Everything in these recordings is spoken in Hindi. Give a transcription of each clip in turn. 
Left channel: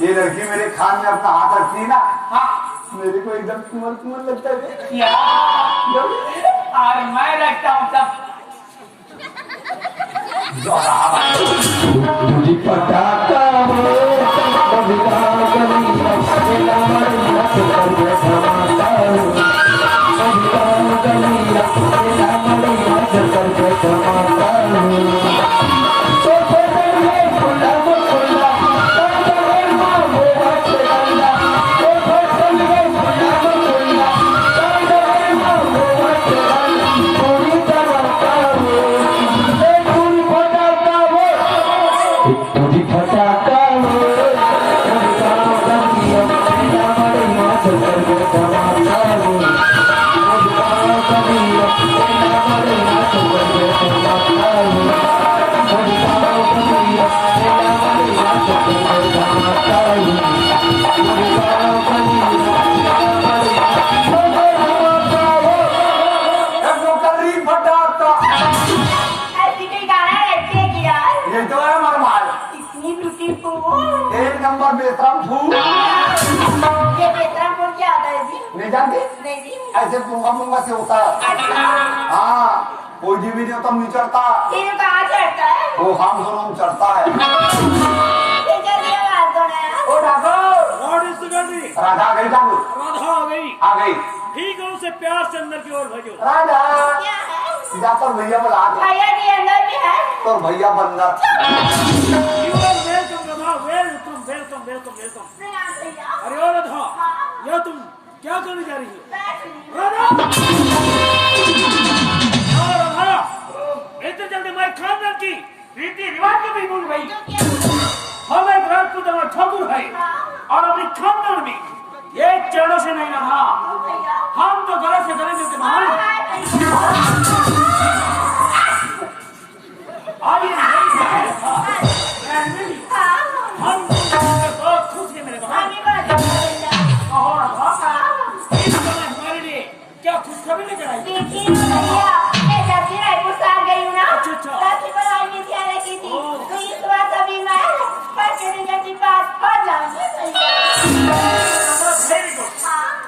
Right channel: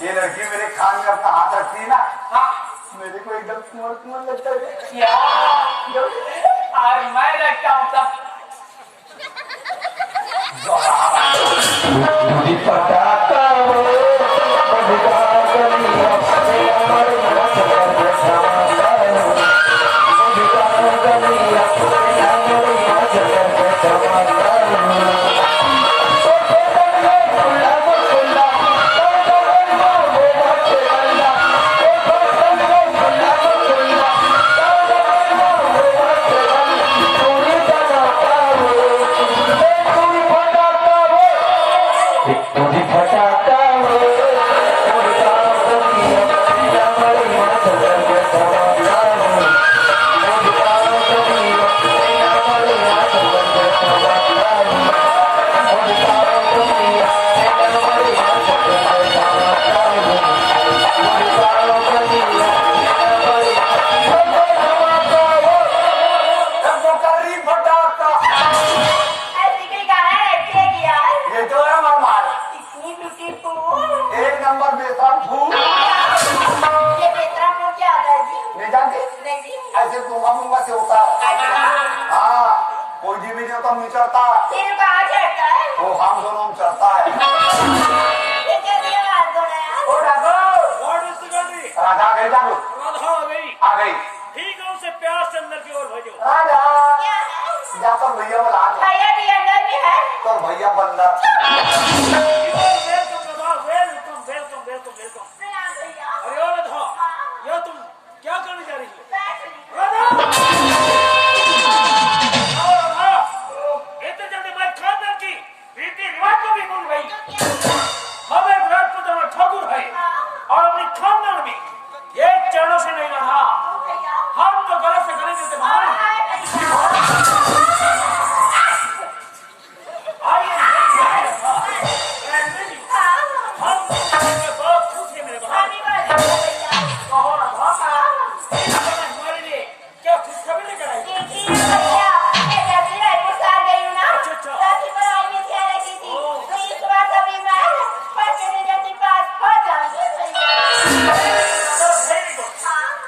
ये लड़की मेरे खान में अपना हाथ रखती है ना, हाँ मेरे को एकदम कुंवर कुंवर लगता है। क्या और मैं लगता हूँ तब एक नंबर बेतरम फूल। ये बेतरा को क्या आता है जी? नहीं जानती? नहीं जी। ऐसे गुंगा मुंगा से होता है। हाँ फौजी भी जो तब नहीं चढ़ता, ये कहाँ चढ़ता है? वो हम दोनों में चढ़ता है। ये जल्दी आवाज दो ना यार। ओ राधा, व्हाट इज द गर्दी? राधा गई जागो, राधा आ गई। आ गई। ठीक है, उसे प्यार से अंदर की ओर भेजो। राधा क्या है? जा तो भैया बुला दे, भैया जी अंदर भी है? तो भैया बंदर। You are welcome Radha, welcome welcome welcome welcome. प्रणाम भैया। अरे ओ राधा, यह तुम क्या करने जा रही हो? बैठ रही हूँ। राधा, और राधा, इतनी जल्दी हमारे खानदान की रीति रिवाज को भी भूल गई। हम एक राजपूत और ठाकुर है, और अपनी खानदान में एक चारा से नहीं रहा। भैया। हम तो गलत से गले से मान आइए, हम बहुत खुश हैं मेरे बहन। और हमारे लिए क्या खुशखबरी लेकर आई?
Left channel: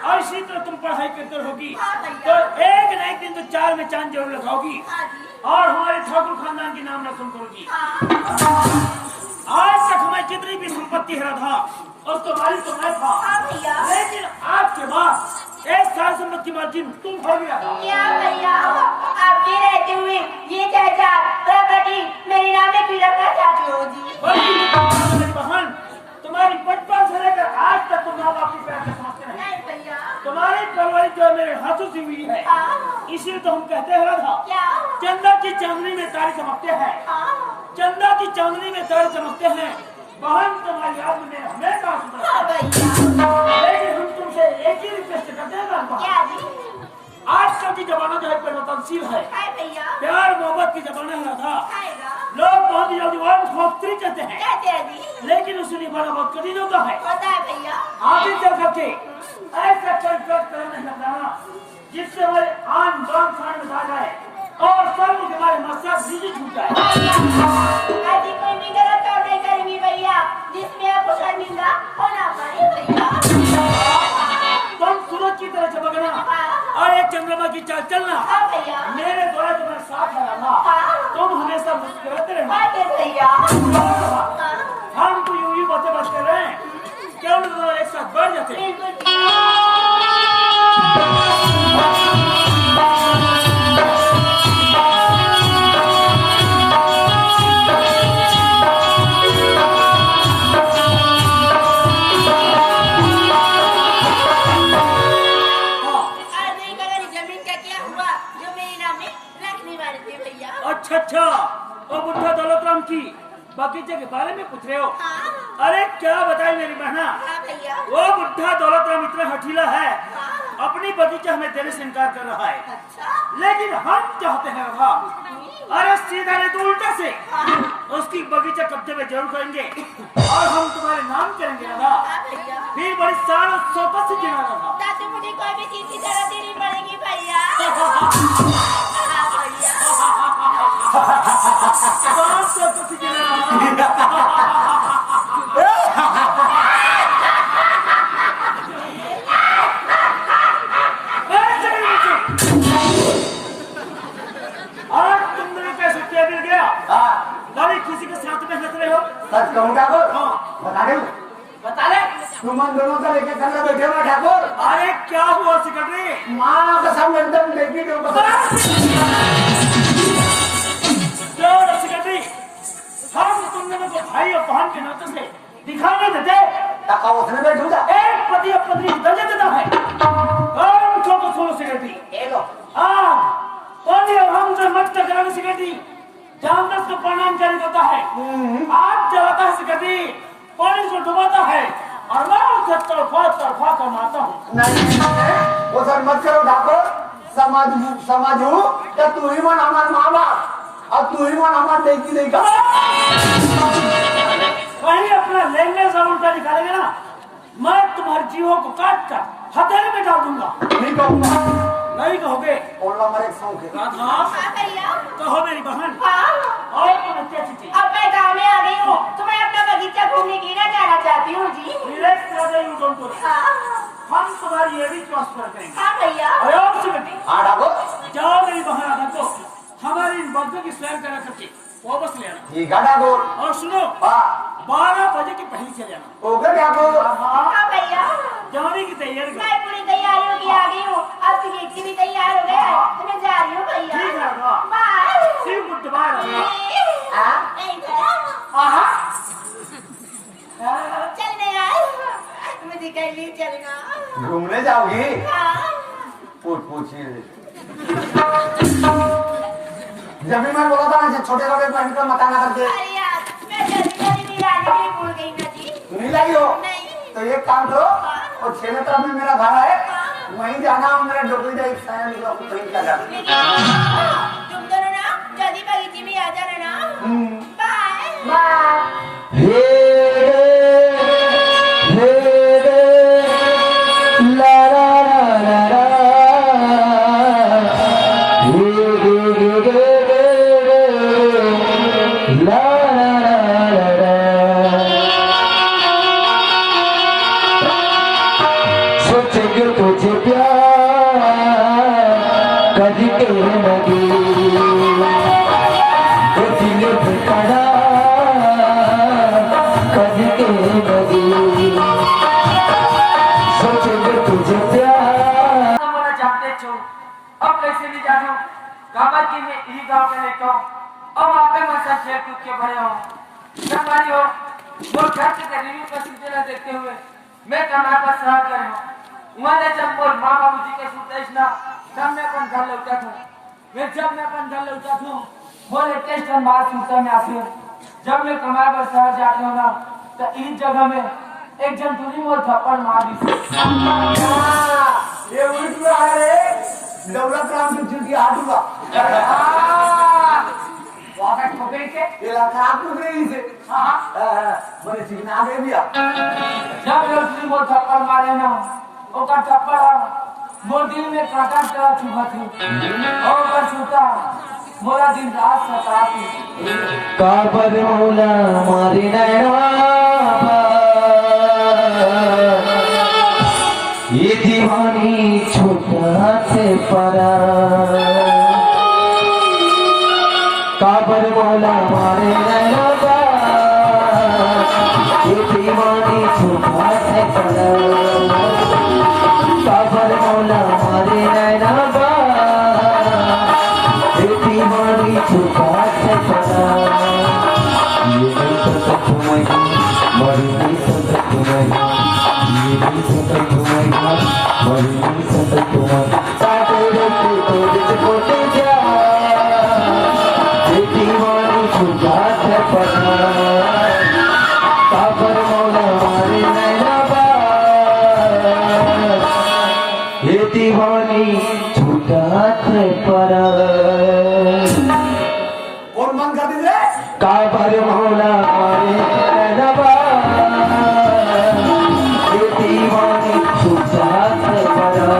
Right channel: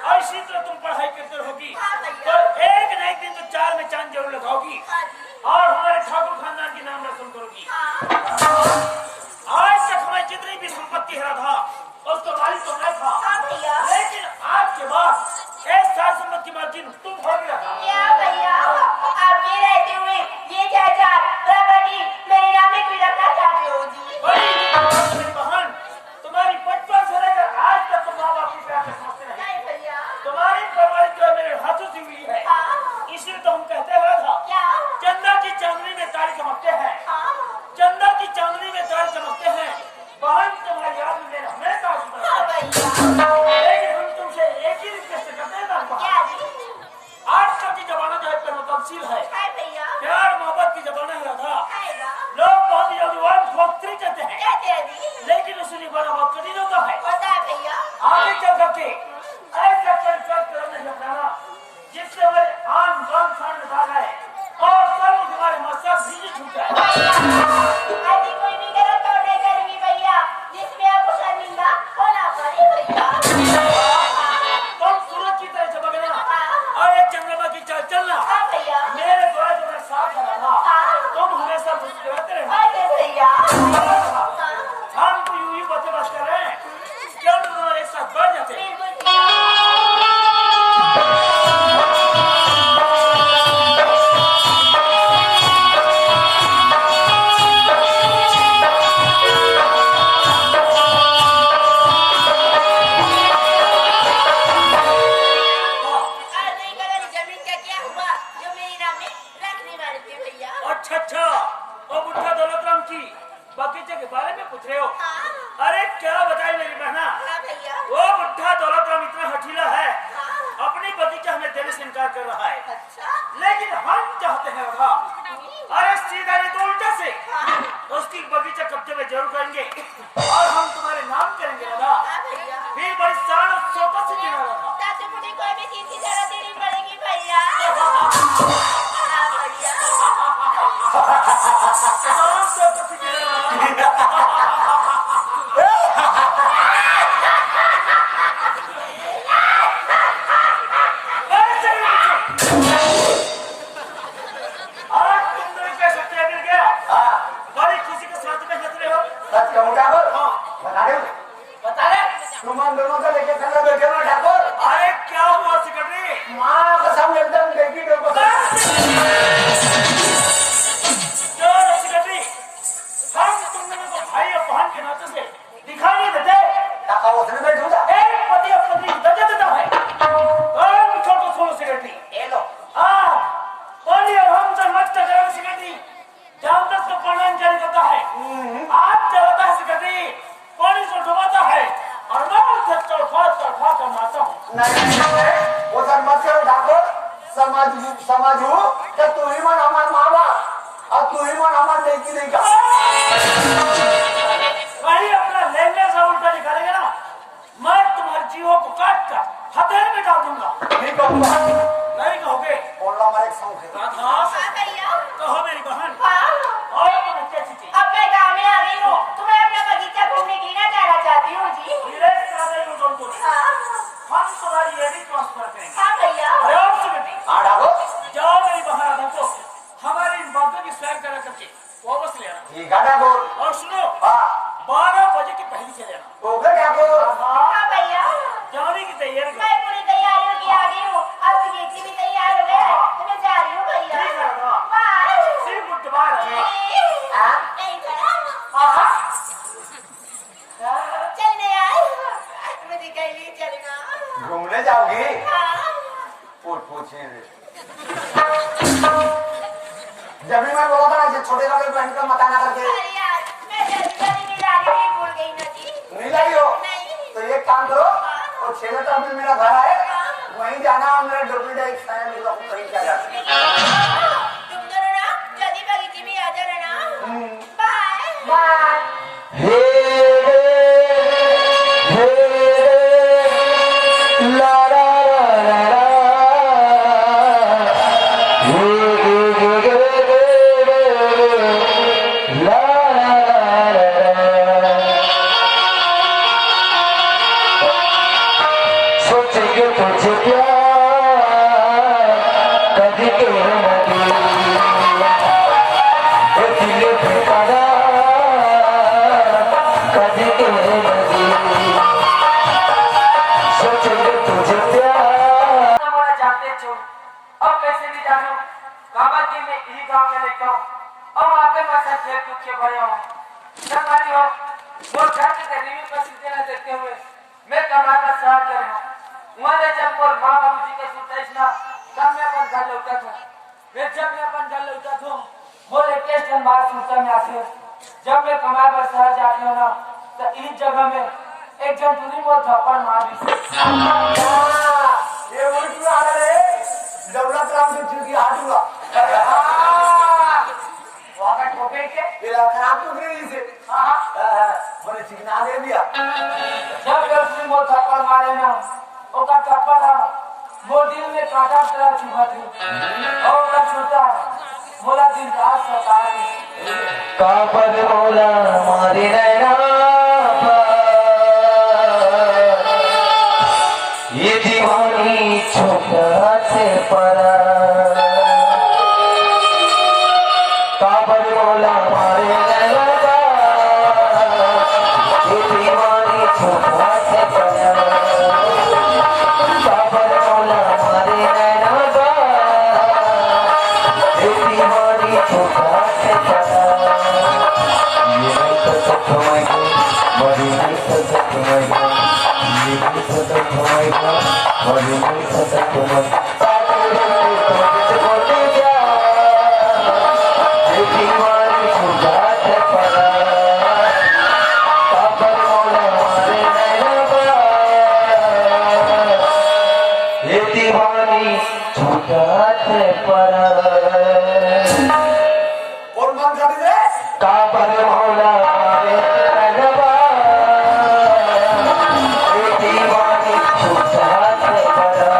ऐसी तो तुम पढ़ाई करते रहोगी तो एक न एक दिन तो चार में चांद जरूर लगाओगी और हमारे ठाकुर खानदान के नाम रोशन करोगी। आज तक हमारी जितनी भी संपत्ति है राधा उसको मालिक तो मैं था, लेकिन आज के बाद एक साल संपत्ति की मालकिन तुम हो गया। मेरी बहन, तुम्हारी बचपन से लेकर आज तक तुम माँ बाप की प्यार से समझते नहीं। तुम्हारी परवरिश जो है मेरे हाथों से हुई है, इसीलिए तो हम कहते हैं राधा, चंदा की चांदनी में तारे चमकते हैं, चंदा की चांदनी में तारे चमकते हैं। बहन तुम्हारी याद में मेरे हमेशा लेकिन हम तुमसे एक ही रिक्वेस्ट करते हैं राधा, आजकल की जमाना जो है परिवर्तनशील है, प्यार मोहब्बत की जमाना है राधा। लोग बहुत ही जल्दी वक्तरी कहते हैं, लेकिन उसे निभाना बहुत कठिन होता है। आगे चल करके ऐसा कोई कदम नहीं अपनाना जिससे हमारे आन बान खान में डाल जाए और सब हमारे मकसद बीजी छूट जाए। तुम सूरज की तरह चमकना और एक चंद्रमा की चाल चलना, मेरे द्वारा तुम्हारे साथ रहना, तुम हमेशा मुस्कुराते रहना। हम तो यूं ही बातें बस कर रहे हैं, क्यों न दोनों एक साथ बढ़ जाते हैं। अच्छा, वो बुढ़ा दौलतराम की बगीचे के बारे में पूछ रहे हो? अरे क्या बताए मेरी बहना, वो बुढ़ा दौलतराम इतना हठीला है, अपनी बगीचा हमें देने से इनकार कर रहा है। लेकिन हम चाहते हैं राधा, अरे सीधा नहीं तो उल्टा से उसकी बगीचा कब्जे में जरूर करेंगे और हम तुम्हारे नाम करेंगे राधा। फिर बड़ी शान और शौकत से जीना राधा। मुझे कोई भी चीज की जरूरत नहीं पड़ेगी भैया। शौकत से जीना राधा। किसी के साथ में हंस रहे हो? सच कहूँ ठाकुर? हाँ। बता दे। बता ले। तुम हम दोनों का लेके संग बैठे हो ठाकुर? अरे क्या हुआ सेक्रेटरी? माँ कसम एकदम देखी दो सेक्रेटरी, हम तुमने मेरे को भाई और बहन के नाते से दिखा नहीं देते। काका उसने बैठू जा। एक पति अपनी दर्जा देता है। हम सबको सुनो सेक्रेटरी। ये लो। हाँ, पानी और हम से मत टकराओ सेक्रेटरी। जानवर को प्राणायाम जारी करता है। आप जलाता है सेक्रेटरी, पानी को डुबाता है और मैं उसे तड़फा कर मारता हूँ। नहीं, वो सब मत करो ठाकुर। समाज हूँ तो तू ही मन हमार माँ बाप और तू ही मन हमार देखी नहीं का। वही अपना लेने से उल्टा निकालेगा ना, मैं तुम्हारे जीवों को काट कर हथेली में डाल दूंगा। नहीं कहूँगा। नहीं कहोगे? बोलो हमारे शौक है। राधा, हाँ भैया। कहो मेरी बहन। हाँ। और तुम कैसी थी? अब मैं गाँव में आ गई हूँ, तो मैं अपना बगीचा घूमने के लिए जाना चाहती हूँ जी। Relax Radha, you don't worry. हाँ। हम तुम्हारी एडी ट्रांसफर करेंगे। हाँ भैया। अरे और सेक्रेटरी, हाँ ठाकुर। जाओ मेरी बहन राधा को हमारी इन बातों की सैर करा करके वापस ले आना। ठीक है ठाकुर। और सुनो, हाँ। 12 बजे के पहले चले आना। ओके ठाकुर। हाँ भैया। जाने की तैयारी करो। मैं पूरी तैयारियों की आ गई हूँ, अब की बेटी भी तैयार हो गया, तो मैं जा रही हूँ भैया। ठीक है राधा। बाय। सी गुड बाय राधा। हाँ? नहीं चलने यार, मुझे कहीं भी चलना। घूमने जाओगी? हाँ। पूछिए। जब भी मैं बोला था ना छोटे कपड़े पहन कर मत आना करके। अरे यार, मैं जल्दी मेरी रानी नहीं भूल गई ना जी। नहीं लाई हो? नहीं। तो एक काम करो, और छेले तरफ में मेरा घर है, वहीं जाना और मेरा डोकरी का एक साया निकला तो वहीं क्या जाना। तुम दोनों ना जल्दी बगीचे में आ जाना ना। बाय। बाय। अब कैसे भी जानो गाँव की मैं यही गाँव के लेकर अब आकर मैं सब खेल कूद के भरे हूँ। संगवारी हो जो घर के रिव्यू का सिलसिला देखते हुए मैं कमाल का शहर कर रहा हूँ। वहाँ जब मोर माँ बाबू जी के सुतेश ना तब मैं अपन घर लौटा था। फिर जब मैं अपन घर लौटा था बोले किस दिन बाद सूचना में आते जब मैं कमाल का शहर जाती हूँ ना तो इस जगह में एक जन तुझी मोर थप्पड़ मार दी। ये उल्टी आ रहे दौलत राम की चुकी हाथुआ वहाँ ठोके के ये खराब उठ रही से बोले चिकना आ गए भैया जब लड़की वो थप्पड़ मारे ना ओका थप्पड़ मोर दिल में कांटा तरह चुभा थी और का छोटा मोरा दिन रात लगा थी काबद मौला मारे नैना ये दीवानी छोटा से परा काबर मौला मारे नैना ये दीवानी छोटा से परा काबर मौला मारे नैना ये दीवानी छोटा से परा ये नहीं तो समझ मरी नहीं तो समझ ये नहीं तो समझ मरी नहीं तो समझ ये दीवानी छुपा से पड़ा काबर मौला मारे नैना ये दीवानी छुपा से पड़ा और मन कर दिले काबर मौला मारे नैना ये दीवानी छुपा से पड़ा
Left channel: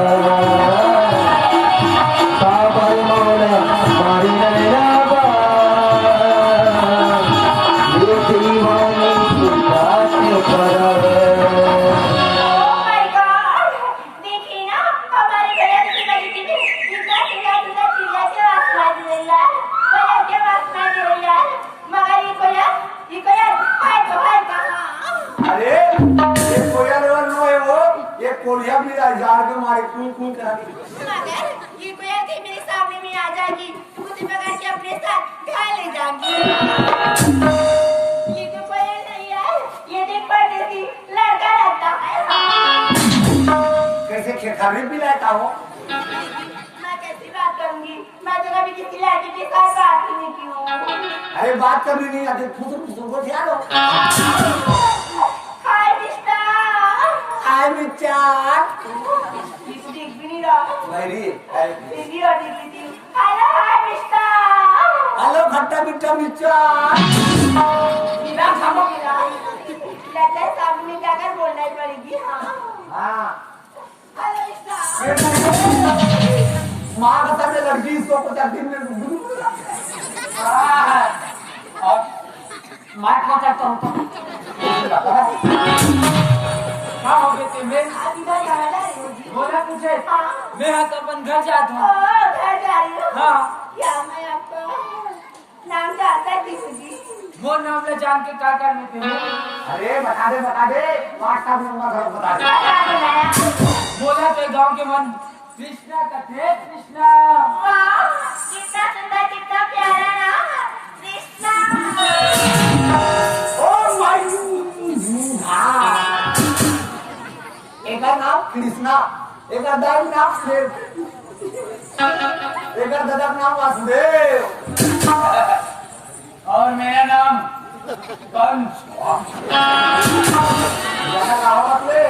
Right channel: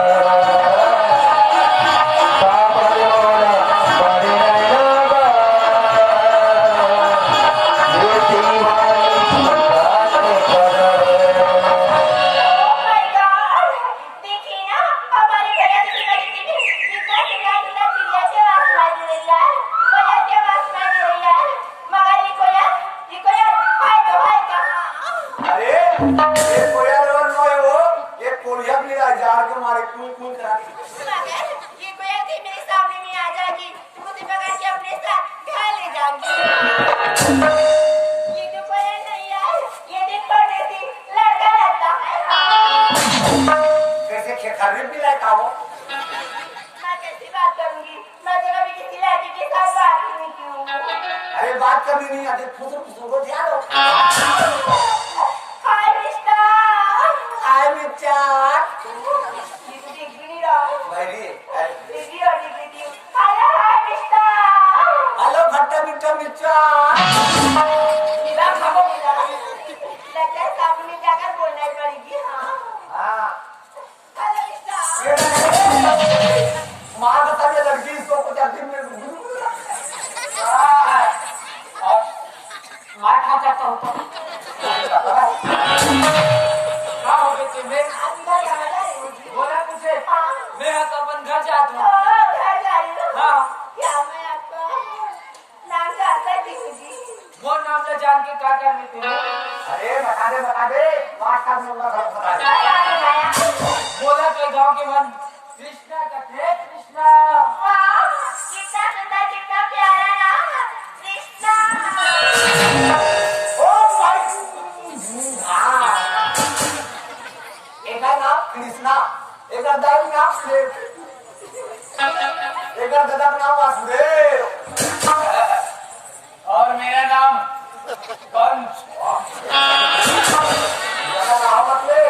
काबर मौला मारे नैना हमारे कुई करा दी। मगर ये कोई ऐसी मेरे सामने में आ जाएगी तो मुझे पकड़ के अपने साथ घर ले जाएगी। ये तो कोई नहीं है, ये देख पढ़ने की लड़का लगता है। कैसे खेखरी भी रहता हो? मैं कैसी बात करूंगी? मैं तो कभी किसी लड़के के साथ बात ही नहीं की हूँ। अरे बात कभी नहीं आती, फुसुर को ध्यान हो। हाय कृष्णा, आए विचार ये तो देख भी नहीं रहा। मेरी देख भी रहा, देख लेती हूँ। Hello hi Krishna. हेलो खट्टा मीठा विचार। मेरा खामो मेरा। लगता है सामने जाकर बोलना ही पड़ेगी। हाँ हाँ हेलो कृष्णा। माँ बता दे लड़की इसको कुछ दिन में और मैं क्या करता हूँ क्या हो गए थे मैं आप इधर कहाँ जा रही हो जी? बोला मुझे हाँ। मैं तो अपन घर जाता हूँ। घर जा रही हो? हाँ। क्या मैं आपका नाम जानता थी मुझे? वो नाम ले जान के क्या करने थे अरे बता दे व्हाट्सएप नंबर घर बता दे। क्या बनाया? बोला तो गाँव के मन कृष्णा का थे कृष्णा। वाह, कितना सुंदर, कितना प्यारा नाम, कृष्णा। ओ माय हाँ एक नाम कृष्णा, एक दारू नाम देव, एक दादा नाम वासुदेव और मेरा नाम कंस। ज्यादा गाँव मतलब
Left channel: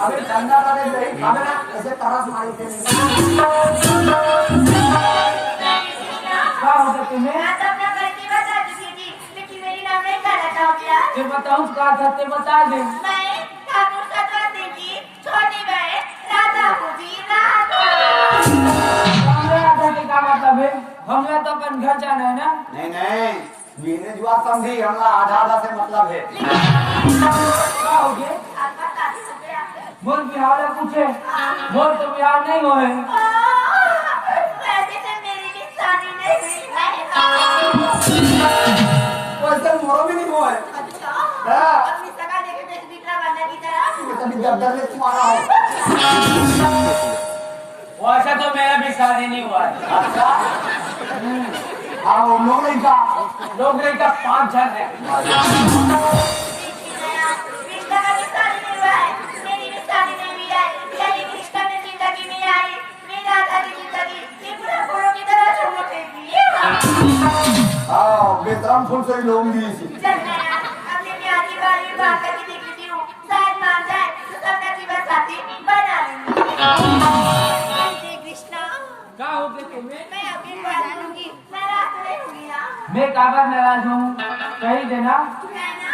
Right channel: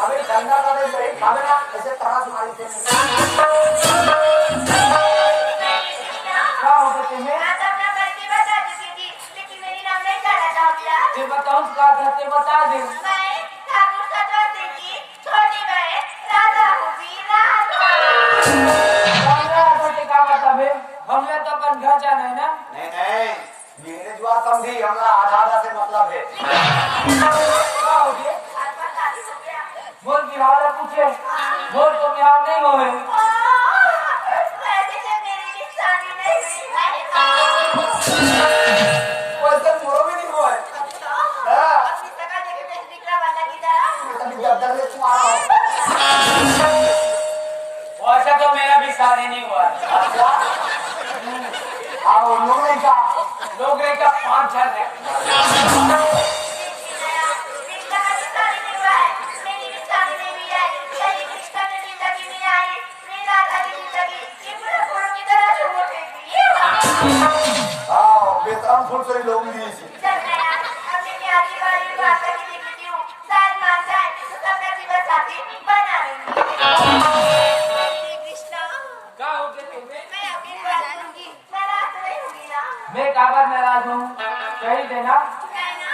अबे ठंडा का दे खावे ना ऐसे तरह मारी थे। क्या हो गए थे मैं मैं तो अपना परिचय बता चुकी थी, लेकिन मेरी नाम नहीं जानना चाह गया। फिर बताऊँ क्या कहते बता दे। मैं ठाकुर सतवंती की छोटी बहन राधा हूँ जी, राधा। राधा के क्या मतलब है? हमने तो अपन घर जाना है ना। नहीं ये जो आप समझी हमला आधा से मतलब है। क्या हो गया? आपका शादी हो गया? बोल बिहार पूछे बोल तो बिहार नहीं हुए। वैसे तो मेरी भी शादी नहीं हुई है। वैसे मोरो भी नहीं हुआ है। अच्छा, हाँ। अपनी सगा देखे मेरे दिकरा बनना की तरह। कभी दर्द से तुम्हारा हो। वैसे तो मेरा भी शादी नहीं हुआ है। अच्छा आओ लोग नहीं का 5,000 दे। कृष्णा का भी शादी नहीं हुआ है, मेरी भी शादी नहीं हुई है। यदि कृष्णा की जिंदगी में आई, मेरी राधा की जिंदगी ये पूरा फूलों की तरह से उठेगी। आओ बेतरम फूल से लोग दी सी। चल मैं अपनी प्यारी बारी बात करके देखती हूँ, शायद मान जाए तो सबका जीवन साथी बना लूंगी। कृष्णा, क्या हो गया तुम्हें? मैं अपनी बात सुनूंगी, मैं रात में होंगी ना। मैं काबर नाराज हूँ कही देना। नहीं ना?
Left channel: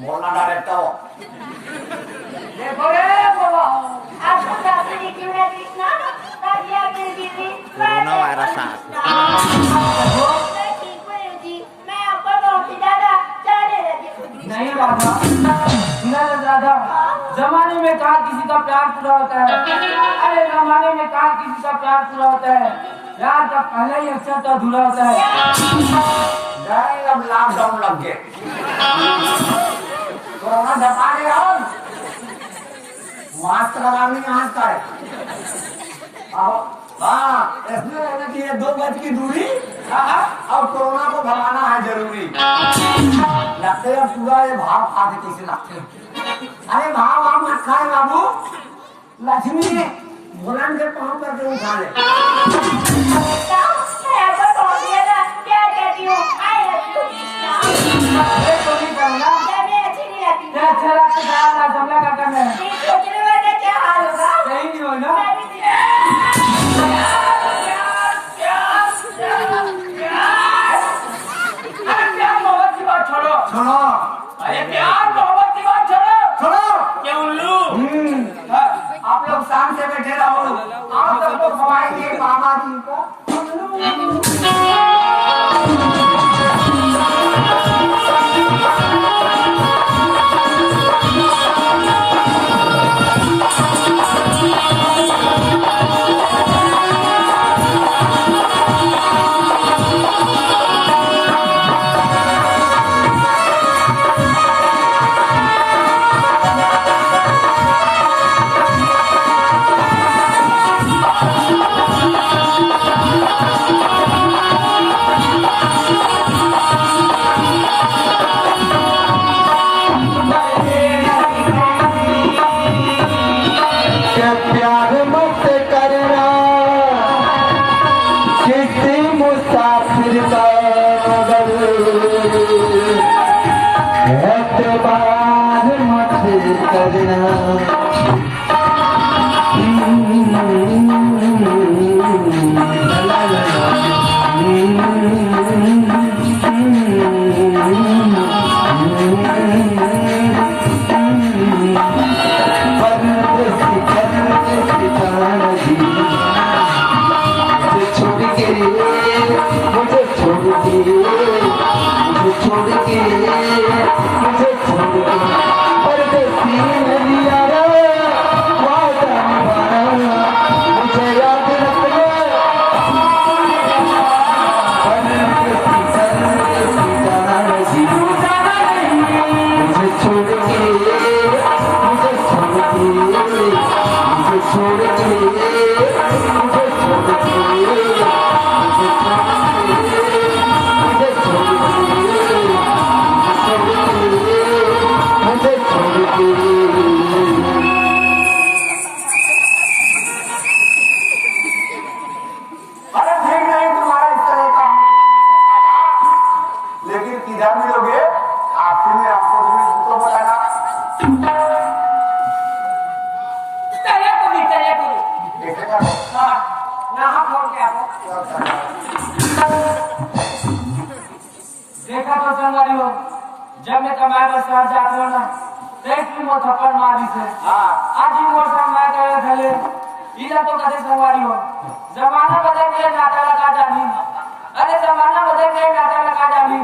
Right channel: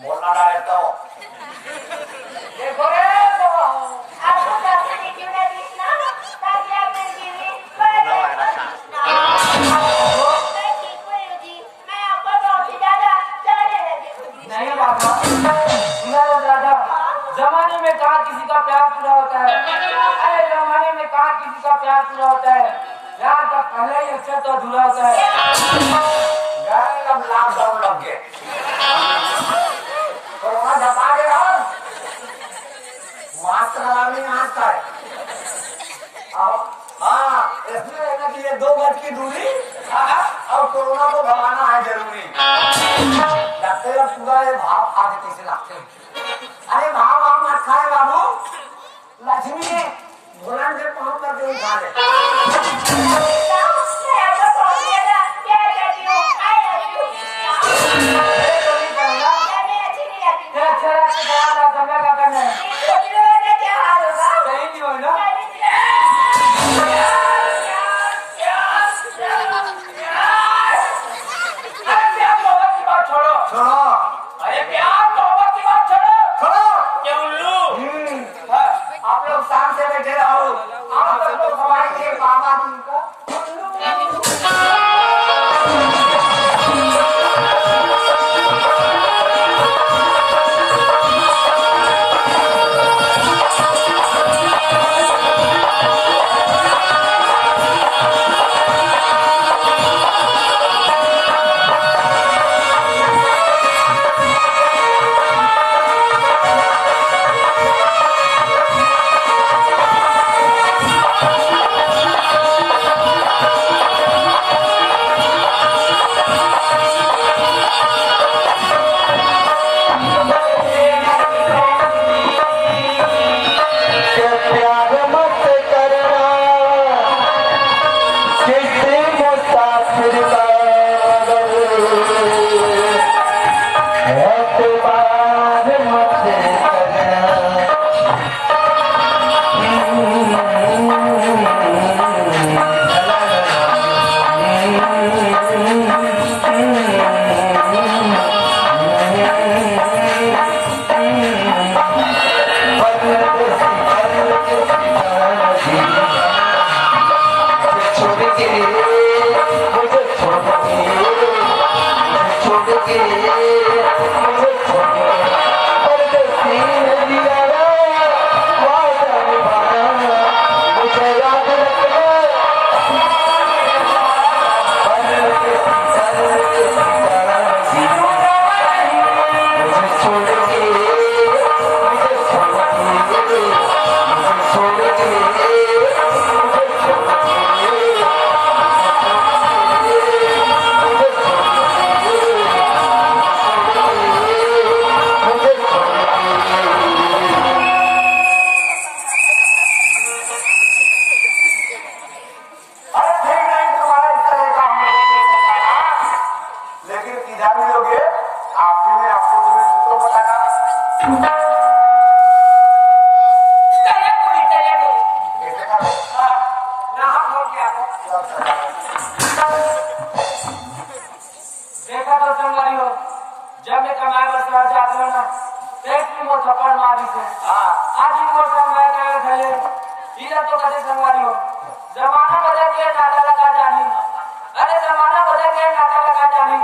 बोलना ना रहता हो। देखो रे बाबा आपको प्राप्ति क्यों है कृष्णा? ताकि आप मेरी दीदी मैं ठीक हुई हूँ जी, मैं आपको बहुत ही ज्यादा चाहने लगी हूँ जी। नहीं बाबा सुना राजा जमाने में कहा किसी का प्यार पूरा होता है। अरे जमाने में कहा किसी का प्यार पूरा होता है। प्यार का पहले ही अक्षर तो अधूरा होता है। यार अब लॉकडाउन लग गए। कोरोना धपा गया हम। मास्क लगाने यहाँ का है। अब हाँ इसमें है ना कि ये 2 गज की दूरी और कोरोना को भगाना है जरूरी। लगते हैं पूरा ये भाव खा के कैसे लगते हैं। अरे भाव आप मत खाए बाबू, लक्ष्मी भोलन से काम करके उठा ले। मैं आपको बहुत ज्यादा प्यार करती हूँ। I love you Krishna. अरे तो नहीं करना क्या मैं अच्छी नहीं लगती? क्या अच्छा लगता है ना समझा क्या करना है। ये छोटी लोगों का क्या हाल होगा? कहीं नहीं हो ना। प्यार मोहब्बत की बात छोड़ो। छोड़ो अरे प्यार मोहब्बत की बात छोड़ो। छोड़ो। क्यों उल्लू? हाँ, आप लोग शाम से बैठे रहो, आप सबको खवाएंगे बाबा जी को। देखा तो संगवारी हो जब मैं कमाए पर शहर जाता हूँ ना एक भी वो थप्पड़ मारी थे आज ही मोर संग मैं गए थे इधर तो कदे संगवारी हो जमाना बदल गया नाता लगा जानी अरे जमाना बदल गया नाता लगा जानी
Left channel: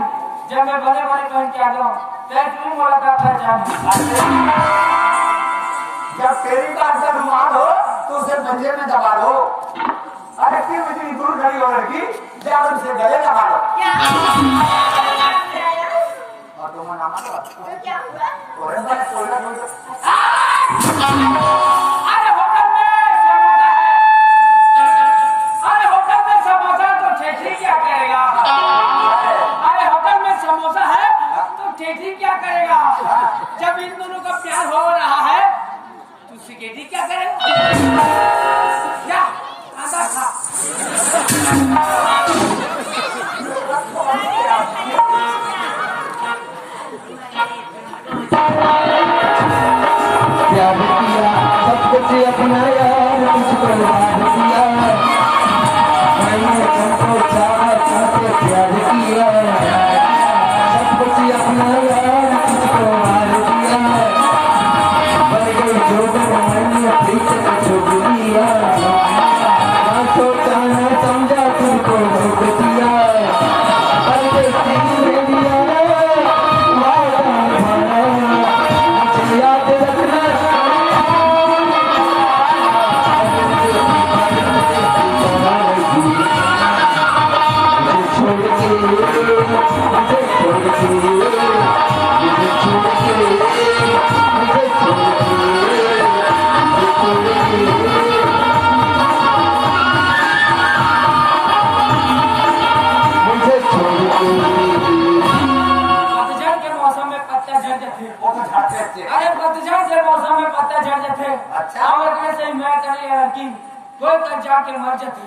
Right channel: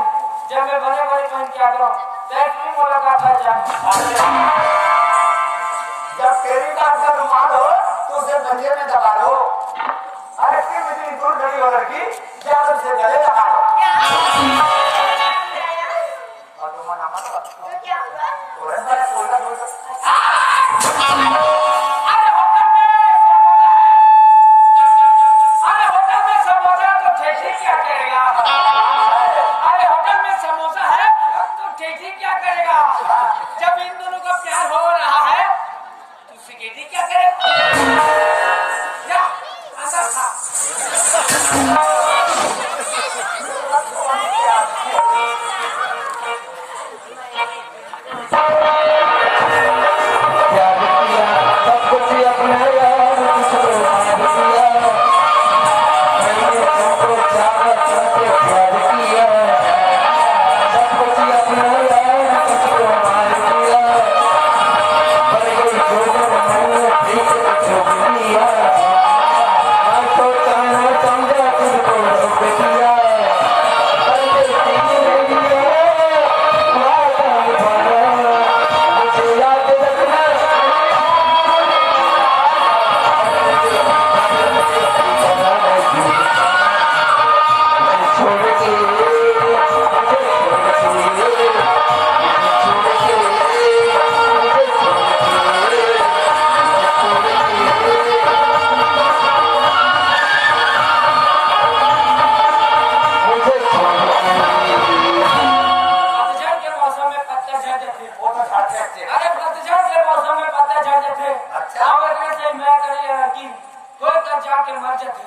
जब मैं बड़े बड़े पहन के आ गया तो एक भी वो लगा पहचानी जब तेरी का अंदर रुमाल हो तो उसे पंजे में दबा लो। अरे क्यों इतनी दूर खड़ी हो लड़की जाकर उसे गले लगा लो। क्या और तुम नाम मत तो क्या हुआ तोरे बड़े सोलह हो अरे होटल में समोसा तो ठेठी क्या करेगा अरे होटल में समोसा है तो ठेठी क्या करेगा जब इन दोनों का प्यार हो रहा है तो सिगरेटी क्या करेगा क्या आधा खा प्यार किया सब कुछ अपनाया किसको याद किया मैंने तुमको चाहा तुमसे प्यार किया सब कुछ अपनाया किसको मार दिया भोजन मैंने ठीक से छोड़ दिया मैं सोचा न समझा तुमको रोक दिया परदेसी ने दिया वादा निभाया मुझे याद रखना छोड़ के मुझे छोड़ के मुझे छोड़ के मुझे छोड़ के मुझे छोड़ के पतझड़ के मौसम में पत्ते झड़ जाते वो तो खाते थे। अरे पतझड़ के मौसम में पत्ते झड़ जाते अच्छा। और इतने से मैं करे लड़की कोई कर जाके मर जाती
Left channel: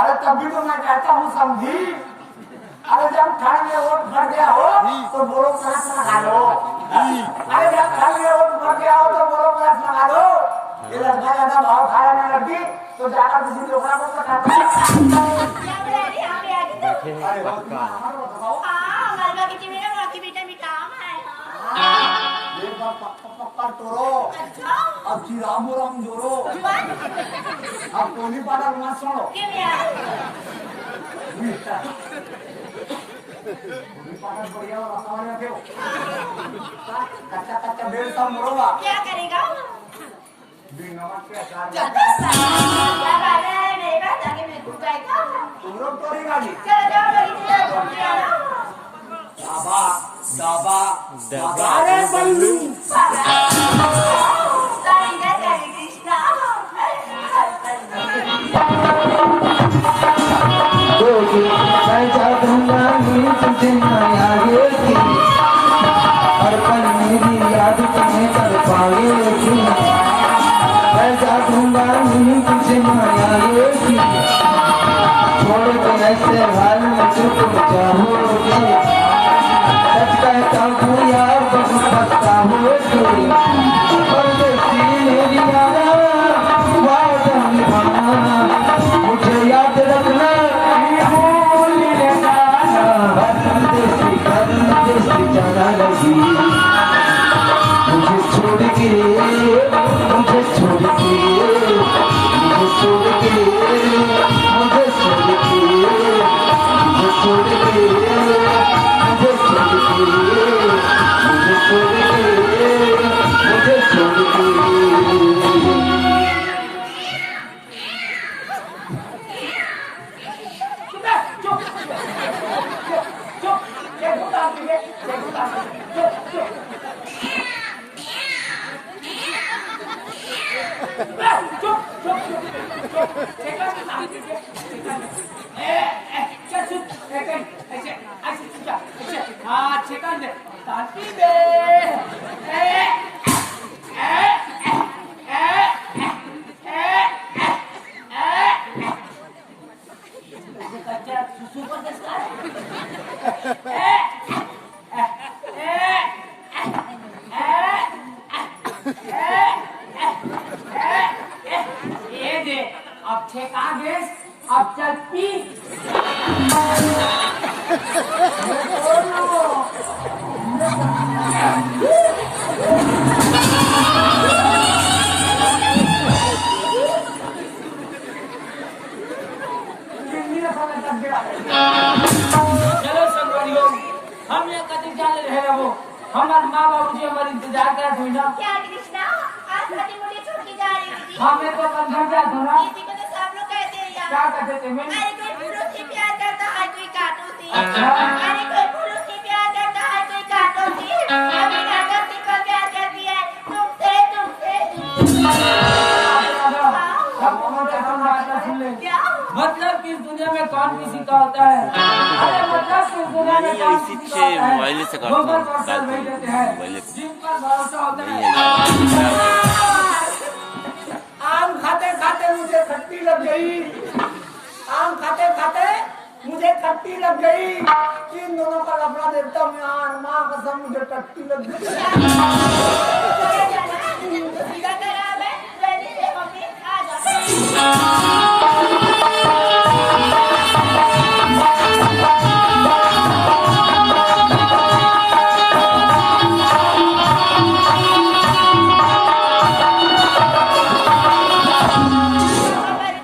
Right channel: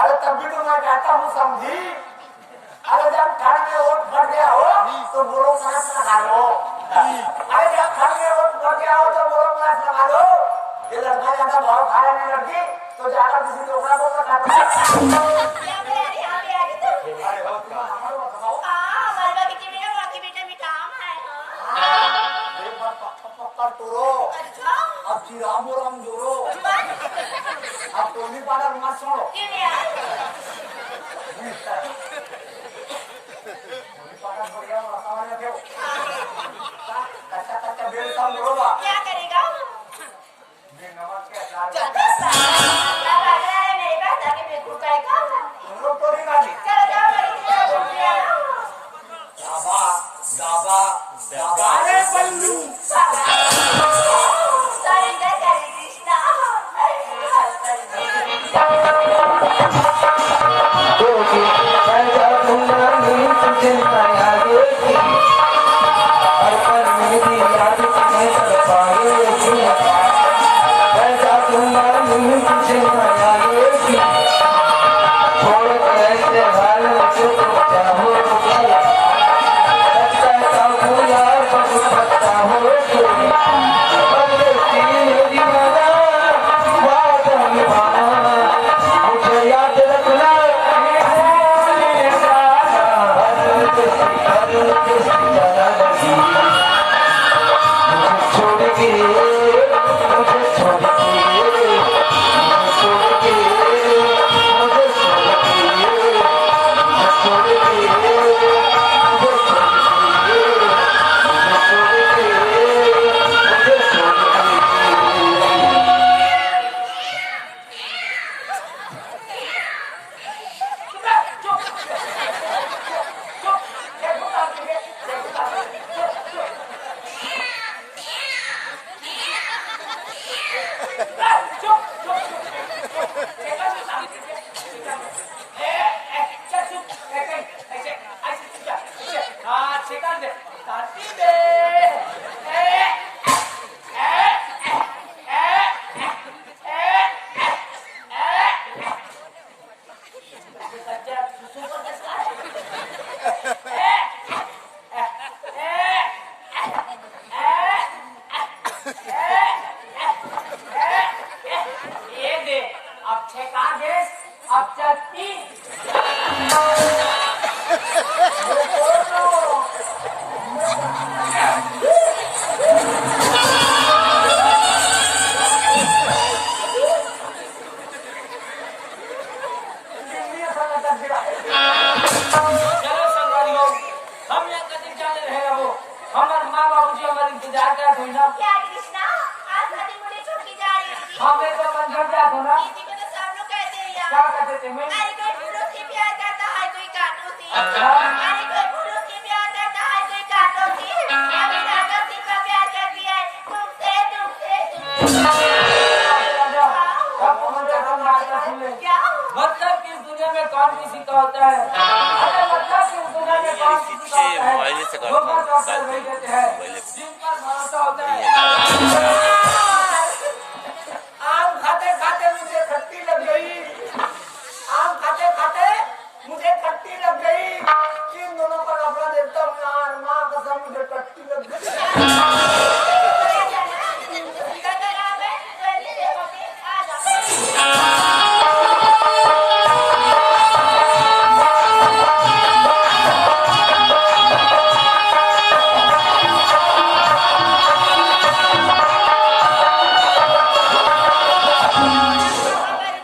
अरे तब भी तो मैं कहता हूँ समझी। अरे जब ठंड में वोट भर गया हो तो बोरो क्लास लगा लो। अरे जब ठंड में वोट भर गया हो तो बोरो क्लास लगा लो। ये लड़का ज्यादा भाव खाया नहीं लड़की तो जाकर किसी लोकड़ा को पटा दो। यहाँ पे आ गई तू अरे हो तुम हमारे को बताओ। हाँ मरवा की मेरा बाकी बेटा मिठाम है हाँ ये पक्का तोड़ो अच्छा अब राम राम जोड़ो अब कोई पाड़ा मत छोड़ो। क्या यार पाड़ा बढ़िया वातावरण में क्यों कच्चा कच्चा बेल सब मोड़ोगा क्या करेगा बिन नमक के अचार में। क्या नहीं बात आगे मेरे को जाएगा तुम लोग तोड़ी गाड़ी चलो जाओ मेरी तरफ घूम के आना दाबा दाबा दाबा रे बल्लू सारी जय जय कृष्णा पैसा दूंगा नहीं तुझे नया ये हर पल मेरी याद तुम्हें कर पाएगी पैसा दूंगा नहीं तुझे नया ये छोड़ के ऐसे हाल में चुप चाहोगे कहता हूँ यार बहुत पछता होगी परदेसी ने दिया वादा निभाना मुझे याद रखना जाना लगी मुझे छोड़ के मुझे छोड़ के मुझे छोड़ के मुझे छोड़ के मुझे छोड़ के मुझे छोड़ के मुझे छोड़ के मुझे छोड़ के हाँ चिकन दे तांती दे ये दे अब ठेका दे अब चल पी चलो संगवारियों, हम ये कदी जाने रहे हो। हमारे माँ बाबू जी हमारे इंतजार कर रहे ना। क्या कृष्णा, आज खाती मुझे छोड़ के जा रही होगी? हाँ मैं तो कल घर गया था ना। इसी को तो सब लोग कहते हैं यार। क्या कहते थे मैं? अरे कोई फूलों से प्यार करता है, कोई कांटों से। अच्छा। अरे कोई फूलों से प्यार करता है, कोई कांटों से। अभी राधा सिर्फ प्यार करती है तुमसे, तुमसे, तुमसे। क्या? मतलब कि इस दुनिया में कौन किसी का होता है? अरे मतलब कि इस दुनिया में कौन किसी का होता है? मोबाइल से करता हूँ, डालते हैं मोबाइल से। जिन पर भरोसा होता है। आम खाते खाते मुझे खट्टी लग गई। आम खाते खाते मुझे खट्टी लग गई। इन दोनों का लफड़ा देखता हूँ यार, माँ कसम मुझे खट्टी लग गई। खराब है, जल्दी से मम्मी आ जाओ।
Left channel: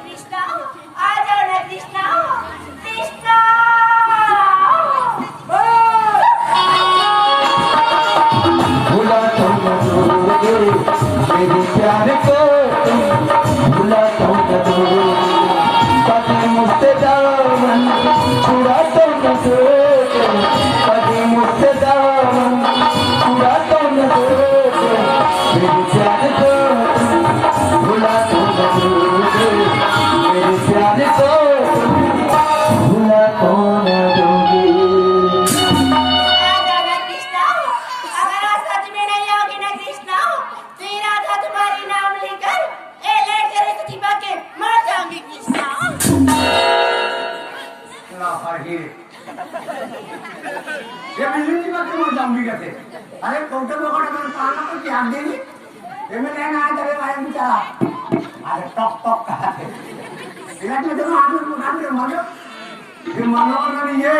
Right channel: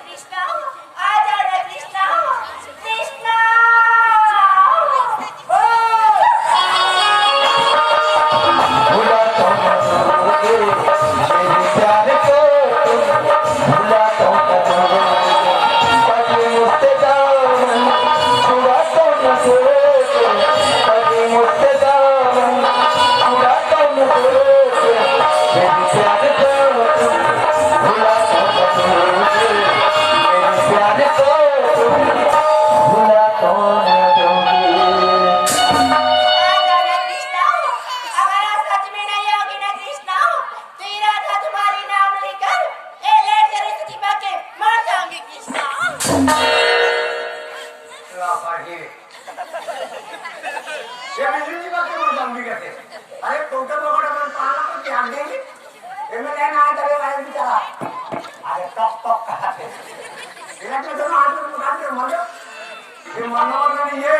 कृष्णा, आ जाओ ना कृष्णा, कृष्णा। भुलाता हूँ मेरे प्यार को भुलाता हूँ कभी मुझसे दामन छुड़ाता हूँ कभी मुझसे दामन छुड़ाता हूँ मेरे प्यार को भुलाता हूँ मेरे प्यार को भुलाता हूँ कृष्णा, अगर आज सच में नहीं आओगे ना कृष्णा, तो ये राधा तुम्हारी नाम लेकर लेट कर इस दीपा के मर जाऊंगी कृष्णा। ये बिजली की बात क्यों जाऊंगी कहते? अरे टोटे बकोड़े में पाना को क्या देंगे? ये में लेना है तभी लाइन बेचारा। अरे टॉक टॉक कहते। इलाज में दोनों आदमी उठान के मारो। ये मनोवर में नहीं ये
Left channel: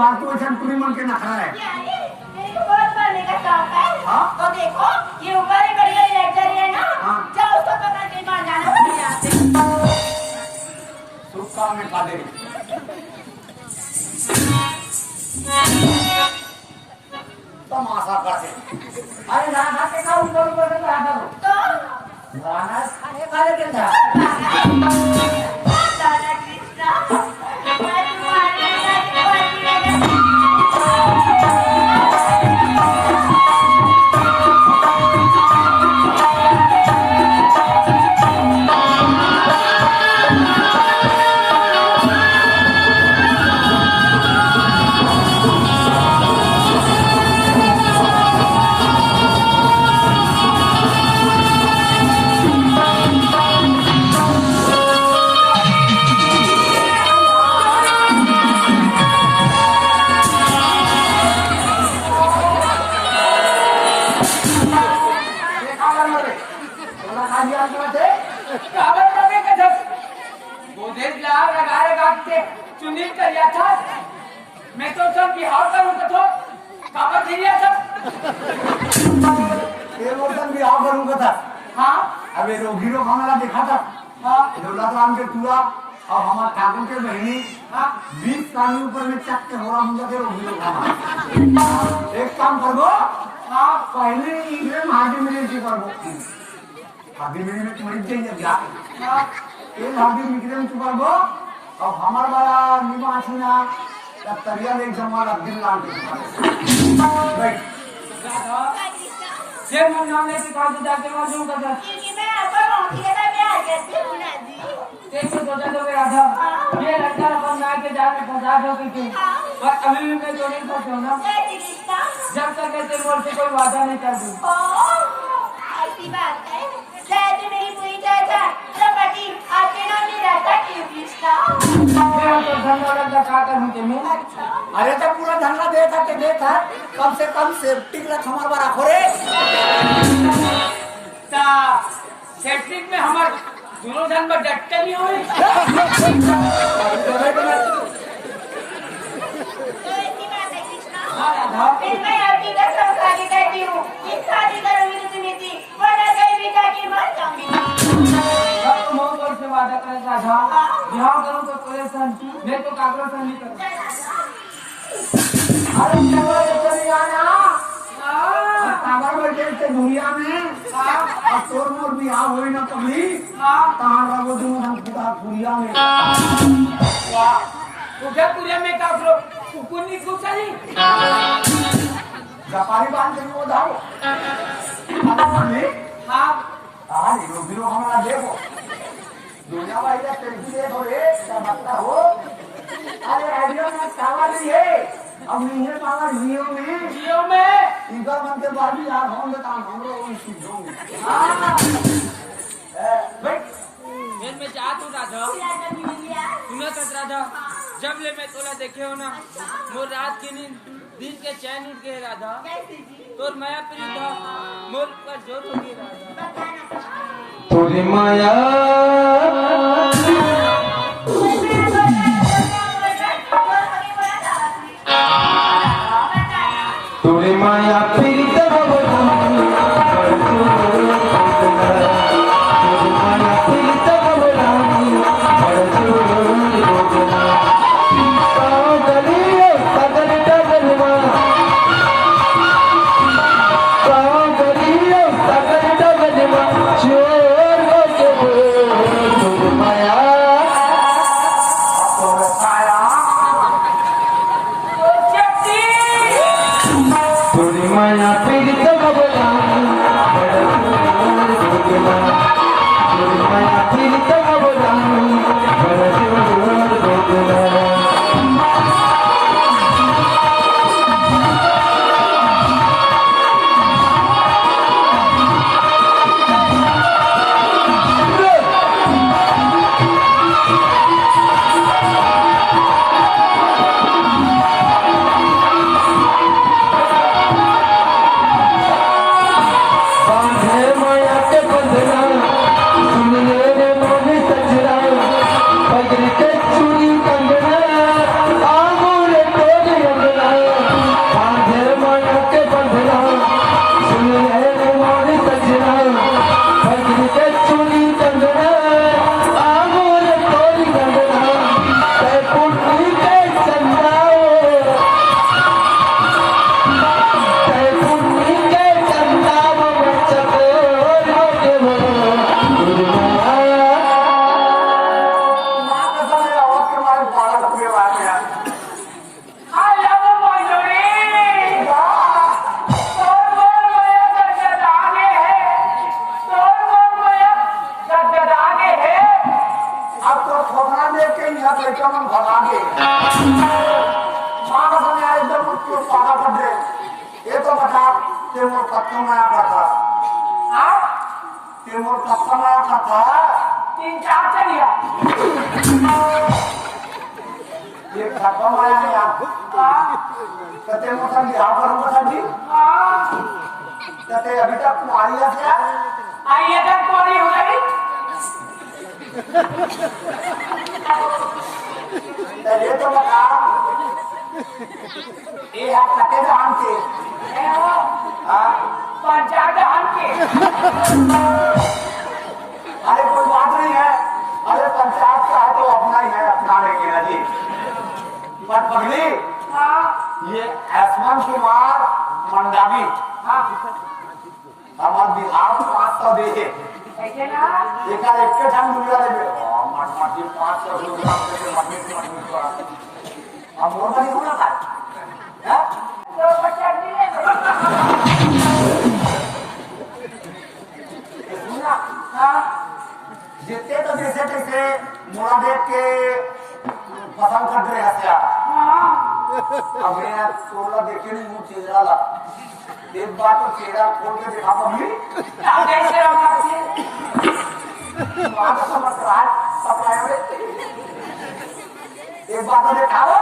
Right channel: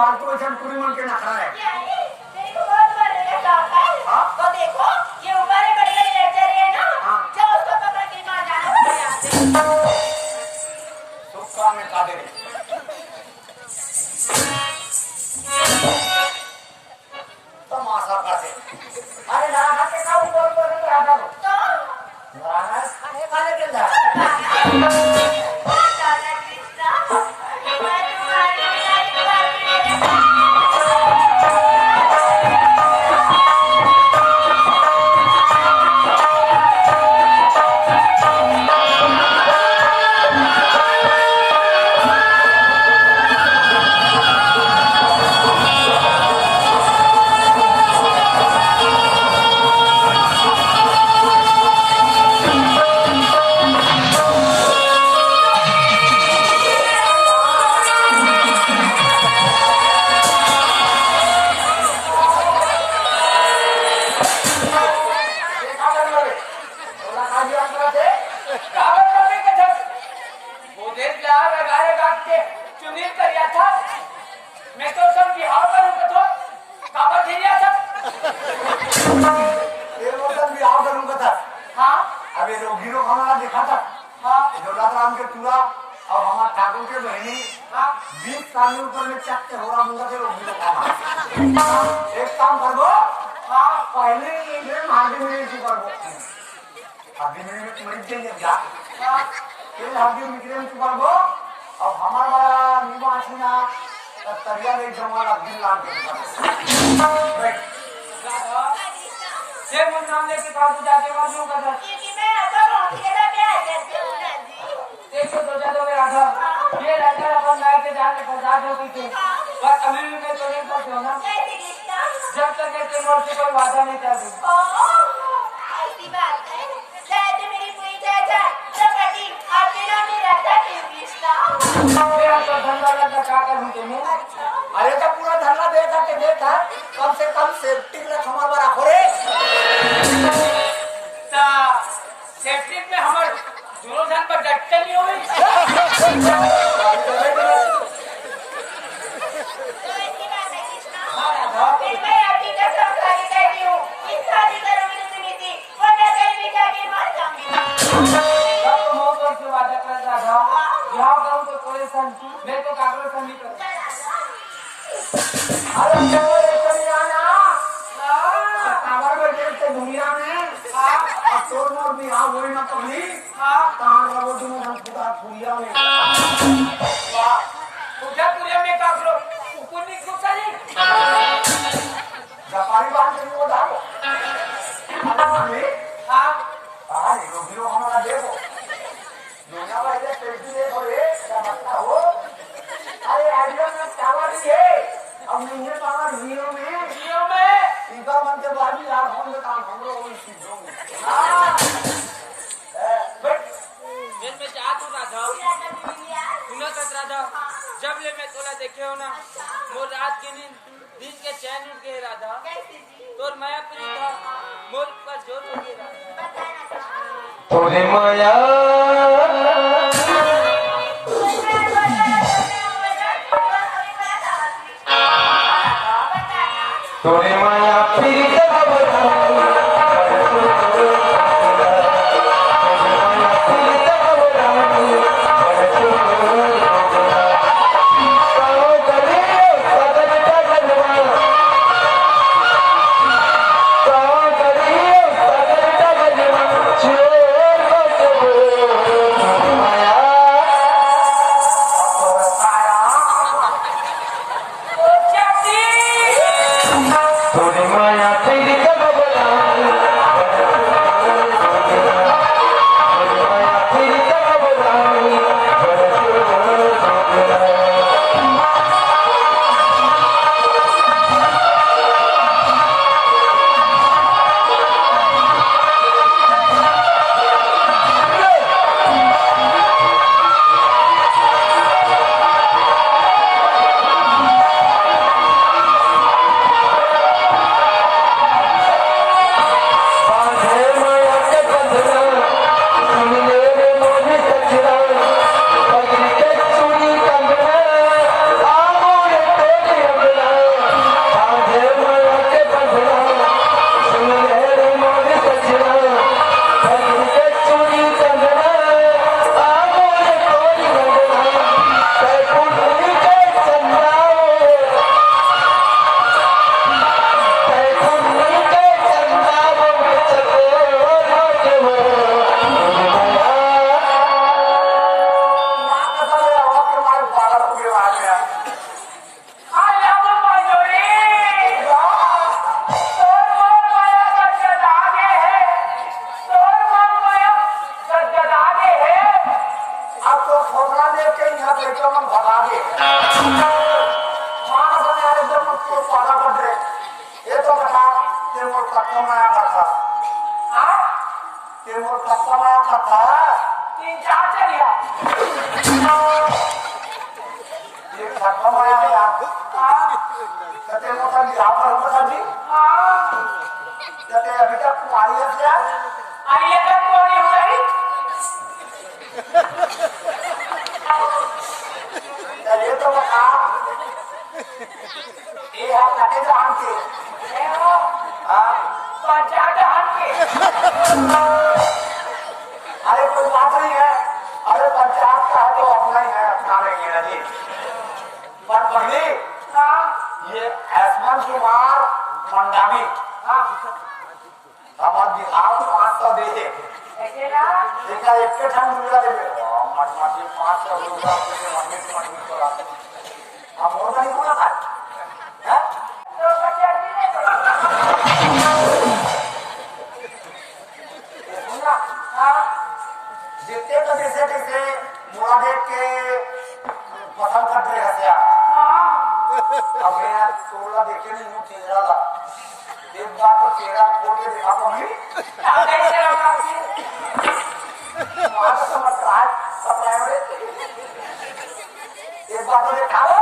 बात तो ऐसा पूरी मन के नखरा है। मेरे को बहुत करने का शौक है। हाँ? तो देखो ये ऊपर है बड़ी बड़ी लेटर है ना, हाँ। जाओ उसको पकड़ के मार जाना मेरे यहाँ से। सुख काम में खा दे। तमाशा खाते। अरे ना खाते का ऊपर ऊपर के रहा था। तो ना खाने खाने के था। राधा कृष्णा, मैं तुम्हारी बिना तुम्हारी बिना चुनित करिया था। मैं तो सब बिहार का हूँ तो काबा खेलिया था। ये मौसम भी आओ करूँगा था। हाँ अब ये जो हीरो खाना देखा था। हाँ जो राम के चूड़ा और हमारे ठाकुर के बहनी हाँ 20 साल में ऊपर में चक के हो रहा मुझे फिर हीरो खाना। एक काम कर दो। हाँ पहले इंग्लैंड हार्डी मिली थी कर दो। हार्डी मिली में तुम्हारी चाहिए क्या? हाँ ये हार्डी मिली में कर दो। अब हमारा बड़ा निवासी ना तरिया में जमाना दिल लाल के राधा ये मन नाम लेके खाते जाते मर जाऊँ का क्योंकि मैं ऐसा बहुत ही ज्यादा प्यार करती हूँ ना जी। एक तो सोचा तो राधा ये लड़का अपन गाय के जाके पहुँचा दो किसी पर अभी भी मैं तो नहीं कर सकूँ ना। जय श्री कृष्ण। जब तक कहते मोर से कोई वादा नहीं कर दूँ। ऐसी बात है, जैसे मेरी पूरी जैसा प्रकृति आपके नाम में रहता है कृष्णा। मेरा तो धंधा लगा क्या करूँ तुम्हें? अरे तो पूरा धंधा देखा के देखा कम से कम सेफ्टी रख हमारा बड़ा खोरे। सेफ्टिक में हमारे दोनों धन में डटते नहीं हुई। मैं तो कागज से नहीं करता। अरे चलो ये चली आना और काबर बैठे से दुनिया में अब तोर मोर बिहार होई ना कभी कहाँ रहो तुम हम पूरा दुनिया में तुझ्या तुझ्या में कागज कुकुनी कुचारी व्यापारी बांध के वो डालो अरे मम्मी हाँ अरे हीरो हमारा देखो दुनिया भाई का सेल्फी देखो रे क्या बता हो अरे आइडिया में चावा नहीं है अब नहीं है चावा हीरो में इधर मन के बाद भी यार होंगे काम हम लोग उन चीजों में हाँ बैठ मैं जा तू राधा सुना तक राधा जब ले मैं तोला देखे हो ना मोर रात की नींद दिन के चैन उठ गए राधा तोर माया प्रीत था मोर पर जोर हो गई राधा तोरे माया तोरे माया फिर माया फिर अभी तक कुमारी है क्या आइए तक कोई हो गई ये तो बता ये आप कटे जान के पंचायत जान के अरे कोई बात नहीं है अरे पंचायत का है तो अपना ही है अपना लेंगे ना जी पर पगली ये आसमान कुमार मंडावी हमारे बिहार 500 दे दे एक ठंड मिला दे मट 500 रुपया मटनी छोड़ा अब और नहीं होना था जितने तो जैसे कैसे मोड़ा देख के पसंद कर रहे हैं अब मैं तोला देखे नहीं मुझे चेहरा ला एक बार तो चेहरा खोल के देखा मम्मी वहां तो समझ रहा सप्लाई वाले एक बार तो देखा लो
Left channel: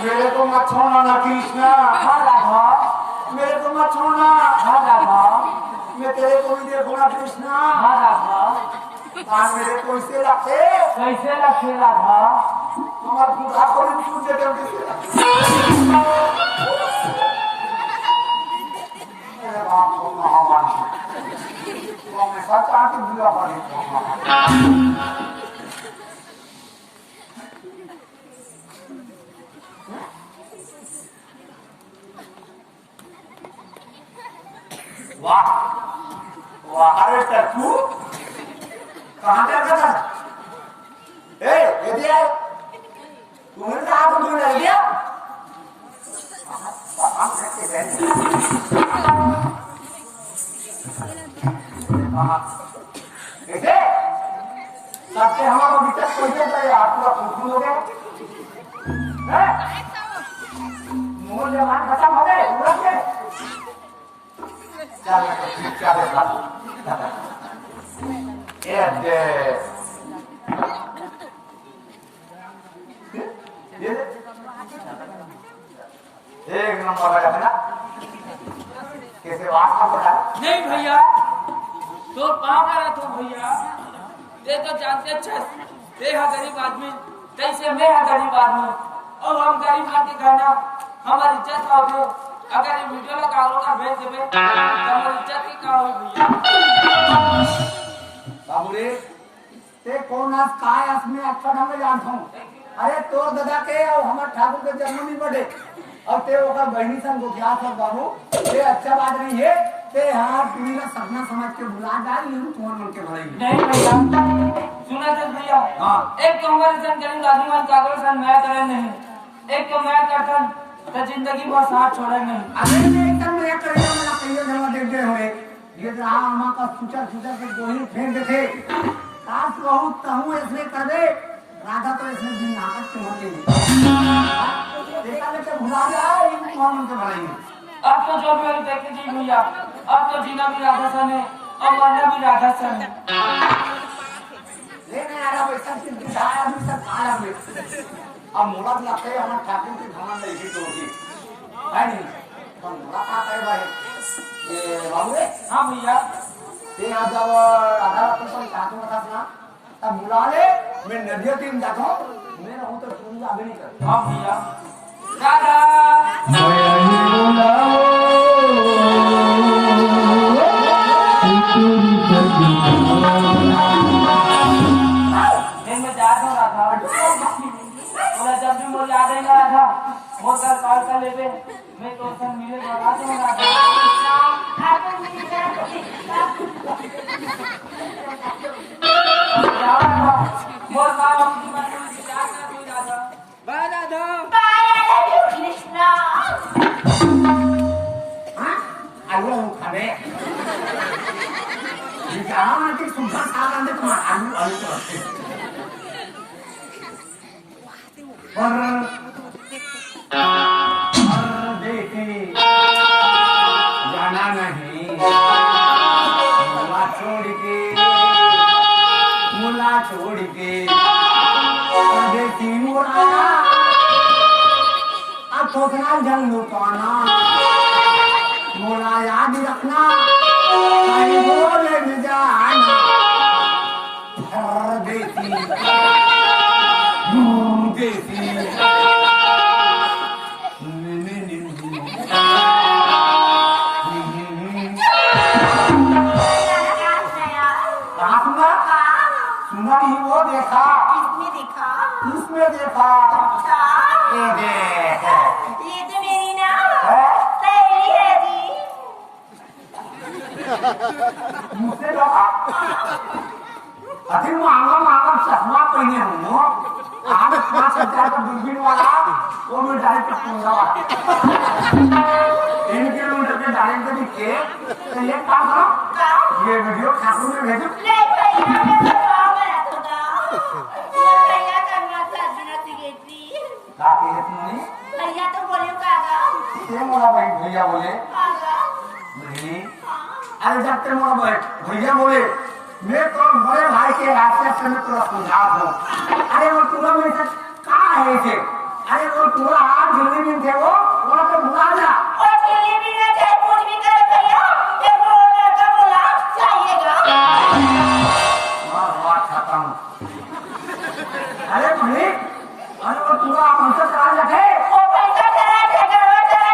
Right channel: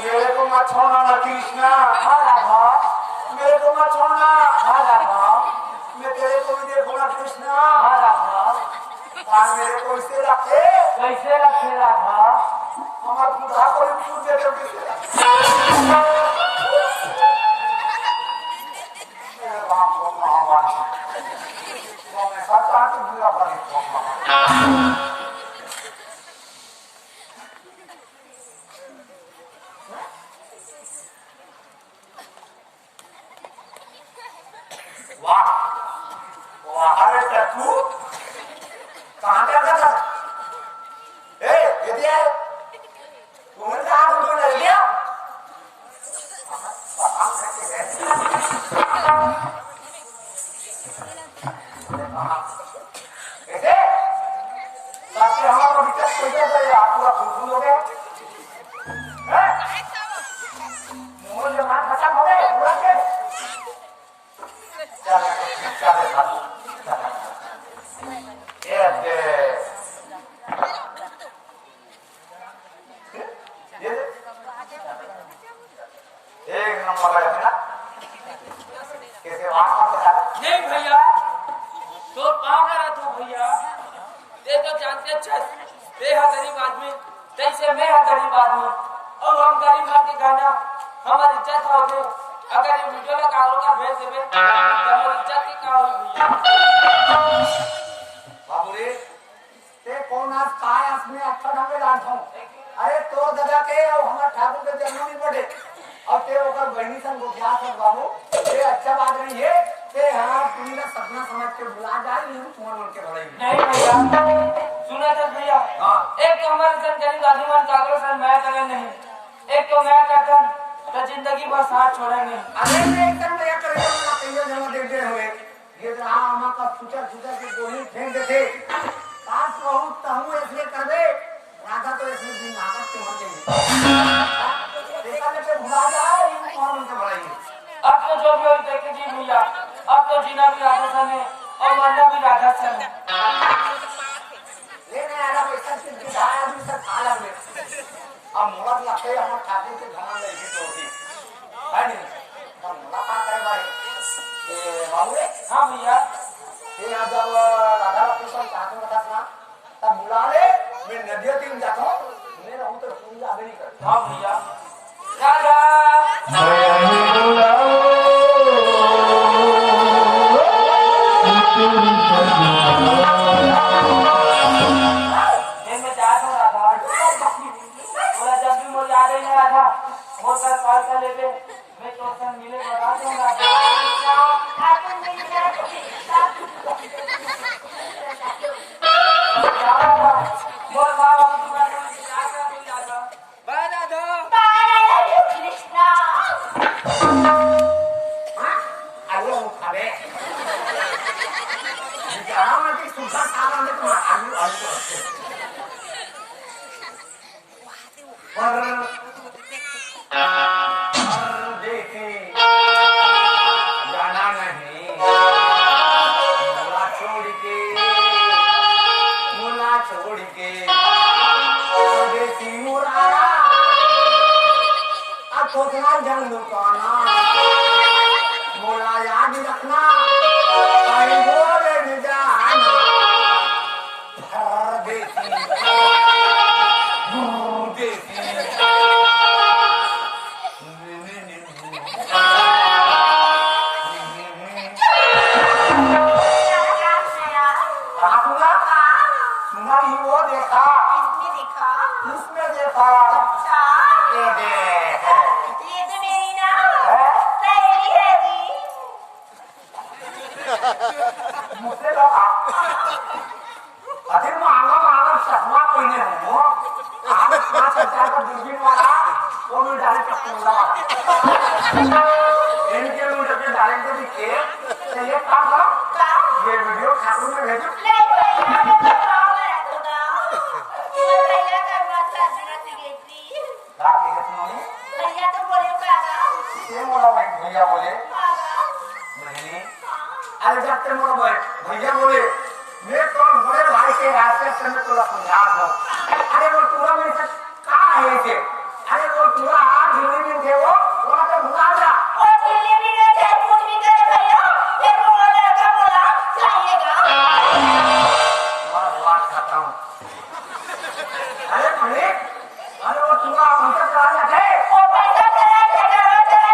मेरे को मत छोड़ना ना कृष्णा। हाँ राधा, मेरे को मत छोड़ना। हाँ राधा, मैं तेरे को भी देखूंगा कृष्णा। हाँ राधा, कान मेरे को इसे रखे। कैसे रखे राधा? हमारे बुढ़ा को भी छूट देते हम किसे? मेरे बाप को महावान तो मैं सब चाहती बुरा पर वाह वाह, अरे टट्टू कहाँ जा रहा था? ये दिया तूने कहा तुम ले लिया? कैसे सबसे हमारा विचार कोई आप पूरा खुश हो गए? मुंह जबान खत्म हो गए पूरा के चल तो ठीक एक नंबर लगा है ना? कैसे वास्तव में नहीं भैया, तो कहाँ करा तू भैया? ये तो जानते अच्छा, ये है गरीब आदमी, जैसे मैं है गरीब आदमी, और हम गरीब आदमी खाना हमारी इज्जत का हो। अगर ये वीडियो का कारोबार भेज देवे तो हमारी इज्जत की क्या होगी? बाबू रे ते कौन आज काय असमें अच्छा ढंग से जानता हूँ। अरे तो दादा के और हमारे ठाकुर के जन्म नहीं बढ़े और ते ओकर बहनी संग गोख्या सब बाबू, ये अच्छा बात नहीं है। ते हाँ पूरी ना सपना समझ के बुला डाल नहीं तुम्हारे उनके भलाई नहीं भैया, सुना तो भैया। हाँ। एक तो हमारे संग गरीब आदमी का कागज सन मैं करे नहीं, एक तो मैं कहता तो जिंदगी भर साथ छोड़ेंगे। अरे मैं एकदम मजाक कर रहा हूँ, मैं कहीं जमा देख दे हुए ये रहा हमारा का सुचर सुचर के गोली फेंक देते काश बहुत तहूँ इसलिए कर दे राधा तो इसमें दिन नाटक से मर गई देखा लेके भुला जाए ये तुम्हारे मन से भलाई। अब तो जो भी हो देखे जी भैया, अब तो जीना भी राधा सन है और मरना भी राधा सन है। लेने आ रहा पैसा से दिखाया अभी तक खाया में अब मुराद लाते हमारे ठाकुर के खाना में इसी तो होगी है नहीं तो मुलाकात है भाई ये बाबू रे। हाँ भैया, ये आज जब राधा वापस कोई ठाकुर बता ना तब बुला ले मैं नदिया तीन जाता हूँ मैं रहूँ तो तुम आगे नहीं कर। हाँ भैया, राधा जब भी मुझे याद ही ना था मोटर कार का लेते मैं तो संग मिले बता दूंगा। बोल रहा हूँ कि मैं कोई विचार कर कोई राधा बाय राधा कृष्णा आलू खावे विचार की सुधा सारा में तुम आलू आलू करते पर देखी जाना नहीं मुला छोड़ के परदेसी मुरारा अब थोकना जंग लुकाना मोरा याद रखना कहीं बोले न जाना परदेसी देसी कहाँ सुना? सुना ही वो देखा किसने देखा? इसमें देखा अच्छा, ये देख ये तो मेरी ना है? सहेली है जी। मुझसे देखा अभी महंगा महंगा चश्मा पहने हूँ आज 5,000 का दूरबीन वाला वो मिल डायरेक्ट पूंगा वाला 3 किलोमीटर के डायरेक्ट दिखे तो ये काम का? ये वीडियो ठाकुर में भेजो नहीं भैया, मैं तो गाँव में रहता था। और भैया करवा शादी ना सिगेटली। काके तुमने भैया तो बोले कागा ये मोला भाई भैया बोले कागा। नहीं हाँ, अरे जब ते मोला भाई भैया बोले मैं तो बड़े भाई के रास्ते से मैं थोड़ा सुझाव हूँ अरे वो पूरा मेरे से कहाँ है इसे अरे वो पूरा हाथ गिरने दिन थे वो तो भुला जा और दिल्ली भी नहीं गए, कुछ भी करे भैया। एक वो लड़का बोला चाहिएगा। बात खत्म अरे भाई अरे वो पूरा हमसे कहा लगे वो पैसा चला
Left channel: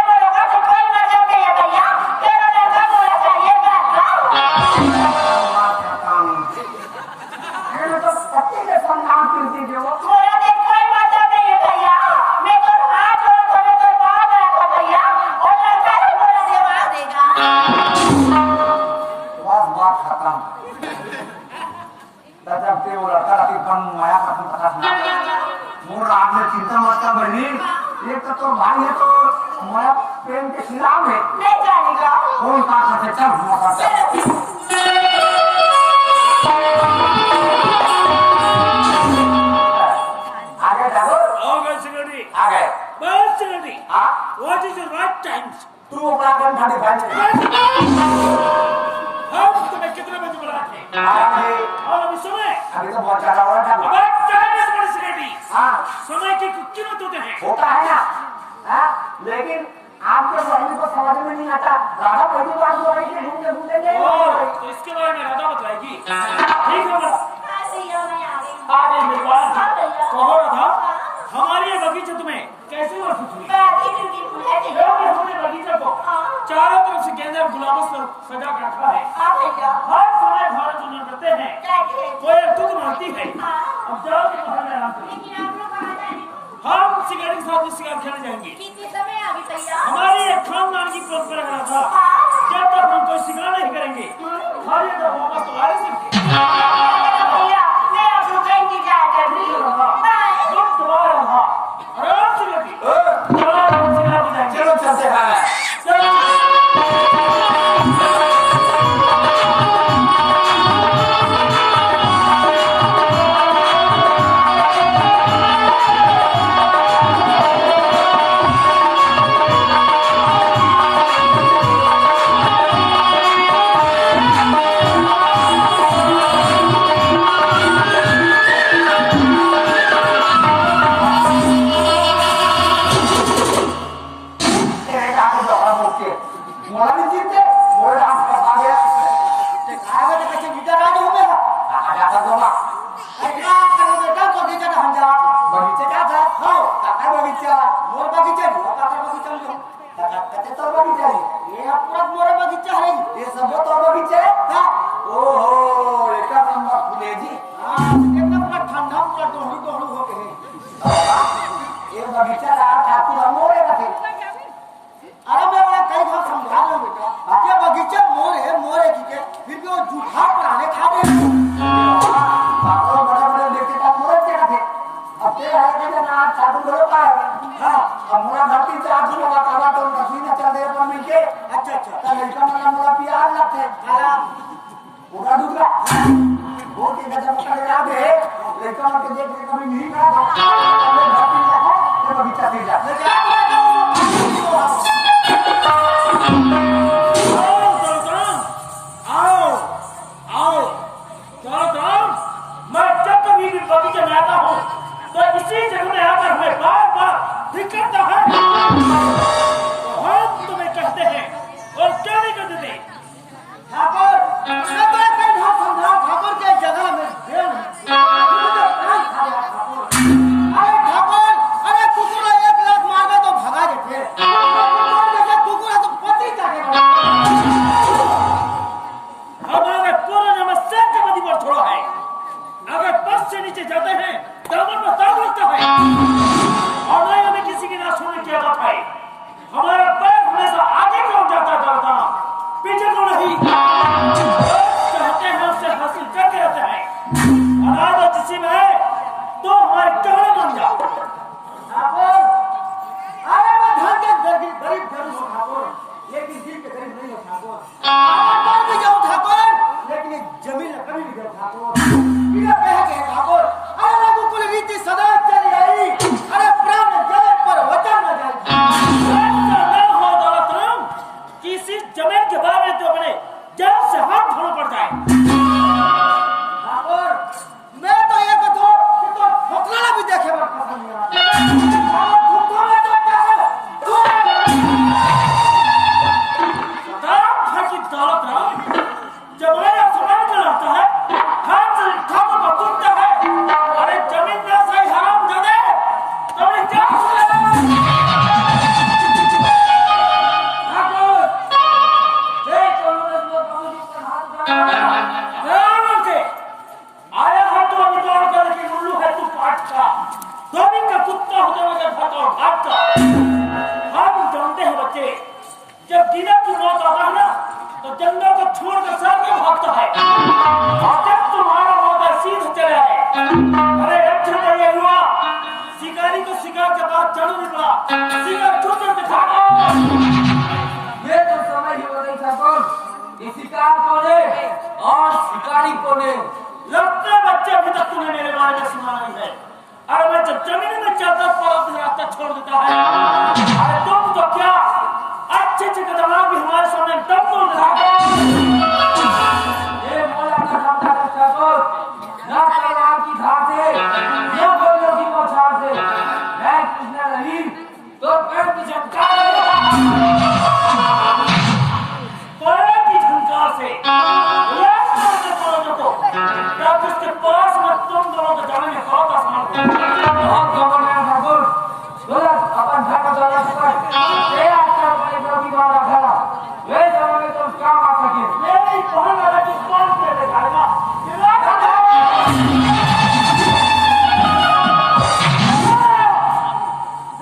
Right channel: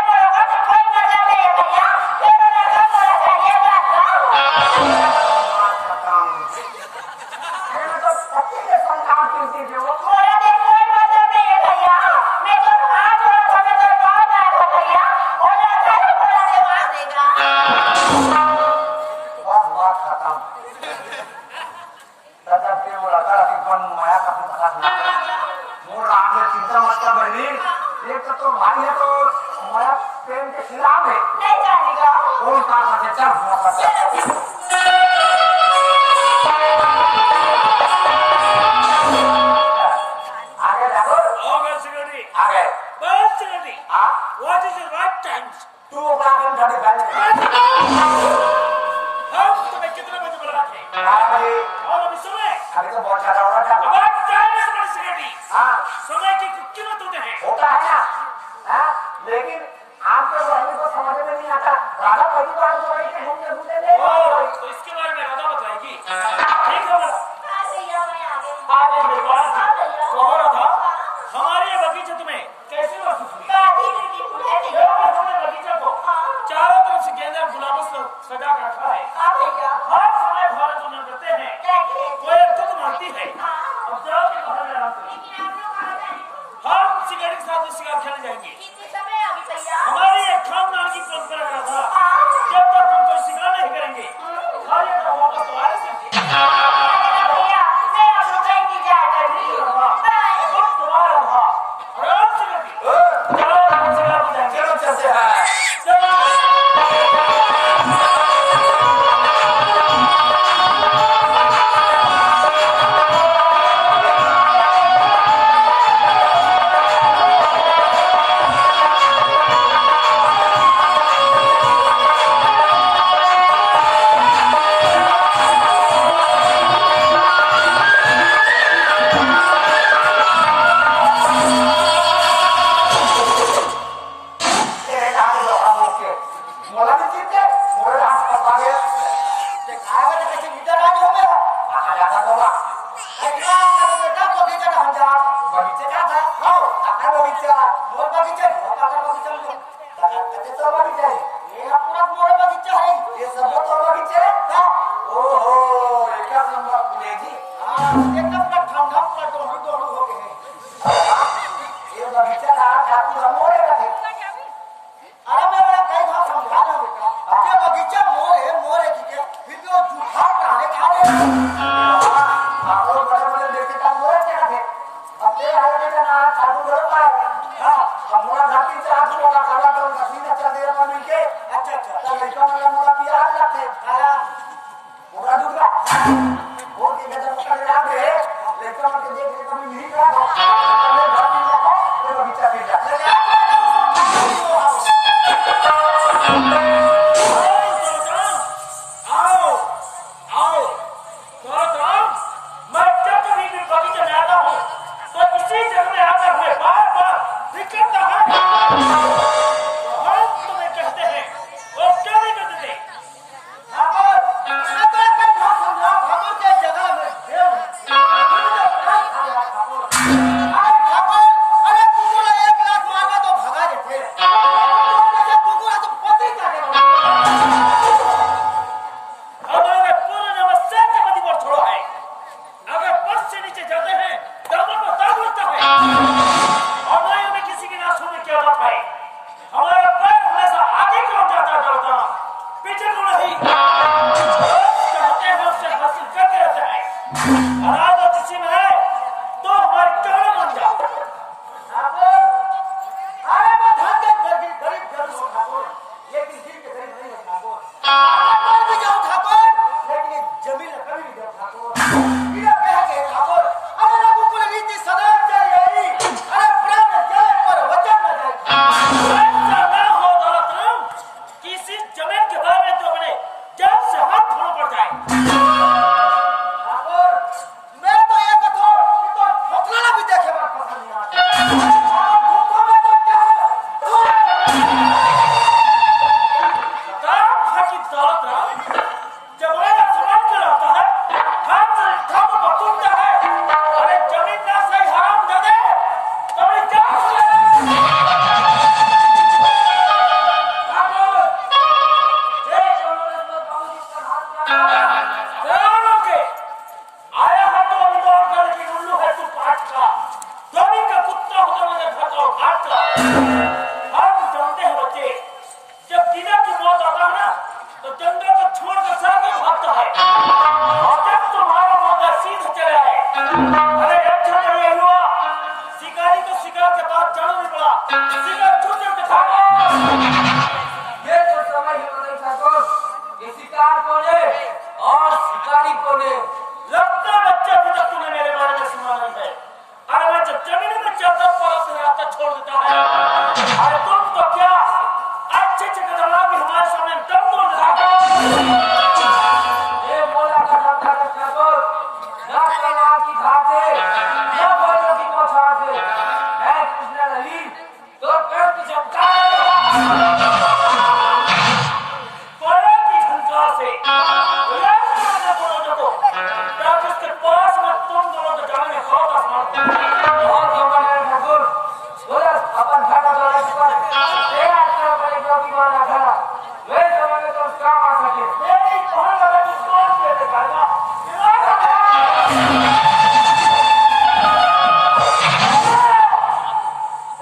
बोलोगा तो कोई मतलब नहीं है भैया। फिर वो लड़का बोला चाहिएगा। बात खत्म अरे मैं तो सच्ची से संतान कीर्ति थे वो बोला देख कोई मतलब नहीं है भैया। मैं तो हाथ जोड़ कर मैं तो कहा गया था भैया। और लड़का ने बोला देवा देगा। बात खत्म जब के वो लड़का अभी बन माया का तुम पता सुना मोर रात में चिंता मत कर बहनी एक तो भाई है तो माया प्रेम के खिलाफ है नहीं जानेगा। कौन का करते चल हुआ करते आगे जाओ Okay, security. आगे But security, हाँ what is the right time? तू ओकरा कम ठाड़ी बैठ हम तुम्हें कितने बजे बुलाए थे? और अभी समय अभी तो बहुत ज्यादा हो रहा है अब टाइम इज बड़ी security. हाँ समय की कुछ कीमत होते हैं. होता है ना हाँ लेकिन आपके बहनी को समझ में नहीं आता राधा पहली बार जो आई थी घूमते घूमते नहीं ओह, तो इसके बारे में राधा बतलाएगी. ठीक है बता. हाँ भैया, मैं आ गई। आगे भगवान हाँ भैया। तो हो रहा था हमारी ये बगीचा तुम्हें कैसे महसूस हुई? दादी ब्यूटीफुल है जो भैया। कि हमने बगीचा को हाँ। चारों तरफ से गेंदे और गुलाबों से सजा के रखा है. हाँ भैया। हर समय भारत दुनिया करते हैं. बैठिए। कोई एक तो मारती है. हाँ। अब जाओ कि कमरे में आराम करो. लेकिन आप लोग कहाँ जा रहे हो? हम शिकारी के साथ शिकार खेलने जाएंगे. कितने समय अभी भैया? हमारी एक खानदान की परंपरा रहा था हाँ। जब तक हम कोई शिकार नहीं करेंगे खाली अगर वापस तो आ रहे थे. भैया, मैं आप लोग का इंतजार कर रही हूँ। बाय। गुड दोबारा रहा. आराम से लगी. चलो हम शिकार को जाएंगे. चलो चलते हैं चलो. तेरे काम जोड़ा मुक्के मोला भी जीते मोरे रात पका गया आगे तो कैसे गीता राज हो गया कहाँ जाता दोगा कितना करो बेटा बगीचा कहाँ जा बगीचा क्या था हाँ काका बगीचा मोर बगीचा नहीं काका बगीचा में काका कहते तो बगीचा है ये पूरा मोर बगीचा है ये सब तो बगीचा है ओहो एक नंबर फुलेगी हाँ एक नंबर ठंडा पर दोनों हो गए ये बगीचा रहा ठाकुर मोरे का थे अरे मैं कई बार समझा रहा हूँ बेटा ये बगीचा मोर है ठीक है फिर भी वो झूठा पुराने खा रहे आप लोग बड़े बड़े देखे था मोर क्या थे अब तेरे आए के ना साधु बड़ो का है हाँ अब मोरा घाटी से आदमी होगा काला तो मशीन चल दे पर मिलके अच्छा तो लड़का वाला मोरा पिया लगते काला पूरा दूसरा वो के गजब का याद है लड़का मत देख के कभी नहीं करा पहले घाटी जाता है बगीचा फिर जाता आओ आओ दौलतराम, मैं जब कभी भी बगीचे में आता हूँ तो इसी जगह में आकर हमें बार बार दिक्कत है. तो हम तुम्हें कहते हैं और क्या नहीं कहते थे? नहीं, चाहते हैं उससे हासिल करके रहते हैं। आज किसी में है तो हमारे कहने मान जाओ। ठाकुर, अरे मैं धन के गरीब जरूर हूँ ठाकुर, लेकिन दिल के गरीब नहीं हो ठाकुर। मर भी जाऊँ ठाकुर, लेकिन ये जमीन न कभी नहीं जाऊँ ठाकुर। इधर कह के ठाकुर, अरे रघुकुल रीति सदा चली आई, अरे प्राण जाए पर वचन न जाए। ऐसा न हो दौलत राम, किसी जमीन के बारे में तो अपने जान से हाथ धोना पड़ जाए। ठाकुर, मैं तो ये कहूँ कि तो ठोकराना भी देखे बात पसंद नहीं आता। और ठुक्को में तो क्या है? की दौलत राम, जब मेरा समाज चलाता है, हाथ से ठाकुर को टूटता है, अरे जमीन ना सही हराम जदे, तभी क्या ठाकुर, जय कांग्रेस में बाबूजी का हाथ के आया है तो अभी दौड़ कर, लेकिन उल्लू है तू काट का, जमीन का कुत्ता होता मुझे घाट और घाट का। हम जानते हैं बच्चे, जब दीना की मौत आता है ना, तो जंगल को छोड़कर सामने भागता है, और जब तुम्हारा मौत सीध चले आए, अरे अच्छा कहिए युवा, शिकारी को शिकार के बाद जाना नहीं पड़ा, शिकार चुनकर दिखागा। ये तो समय ही बदल ठाकुर, ये शिकार कौन है और शिकारी कौन है? लगता है बच्चे अभी तक तूने मेरे बारे में सुना नहीं है। अरे मैं जब जमीन में जाता पर अपने रास्ता छोड़ देता है, अरे तुम तो क्या अच्छे कदम भी हमारे सामने दम तोड़ देता। ये मौला का धमका है ठाकुर, ना कलमार की धार से, ना गोलियों की बौछार से, मैं कृष्ण नहीं तो पैर की झंकार पैर की झंकार से तो क्या जिसके पास में तुम दोनों को जाने में बहुत आसान हो। बहुत खबर है ठाकुर, अपन घर का द्वारा चुका है, बड़े की बात रखा, वे समय में तो काम आ सके। मेरी बहन वाला किस कौन के दिखाएगा?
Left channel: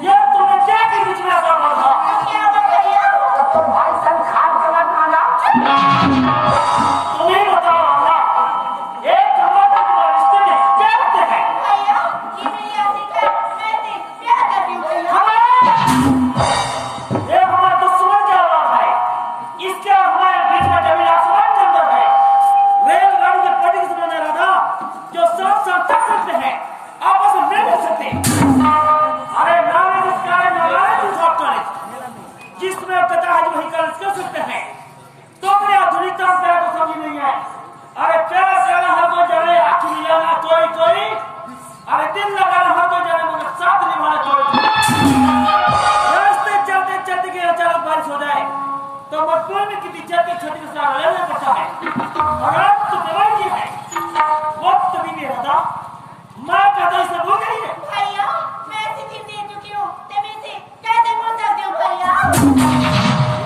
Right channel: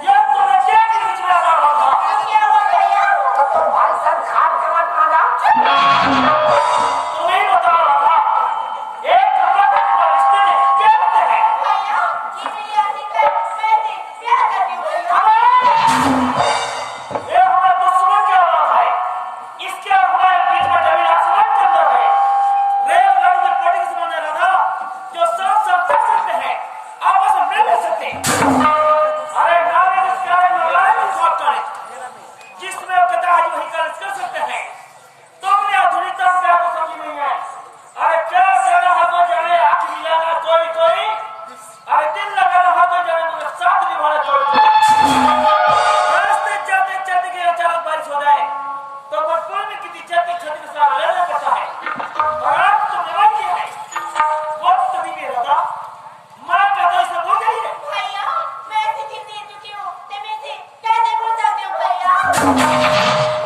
ये तुम्हें क्या की बीच में आता हुआ था? क्या हुआ भैया? अब तो भाई सन खाद चला खाना। तुम्हें बताओ राजा, एक कमरा का तुम्हारे रिश्ते में क्या होते हैं? भैया, ये मेरी आदत है, मैं इसे प्यार करती हूँ भैया। ये हमारा दुश्मन क्या हो रहा है? इसके हमारे बीच में जमीन आसमान चल रहा है। रेलगाड़ी में कटिंग से बना रहा था, जो साथ साथ चल सकते हैं, आपस में मिल सकते हैं। अरे नारे निस्कारे नारायण साहब का जिसमें पता है वही कार्य कर सकते हैं। तुमने आधुनिकता क्या को समझ नहीं है। अरे क्या कहना है तो जाने, आँख मिलाना कोई कोई, अरे दिल लगाना है तो जाने, मगर साथ निभाना कोई कोई। रास्ते चलते चलते के अचानक बारिश हो जाए तो मजबूर में किसी चलते छत के साथ रहना पड़ता है। और आज तो जवान ये है, वक्त भी नहीं रहता, माँ का दर्द से भूल गई है। भैया, मैं ऐसी चीज दे चुकी हूँ, तो मैं इसे कैसे भूल सकती हूँ भैया?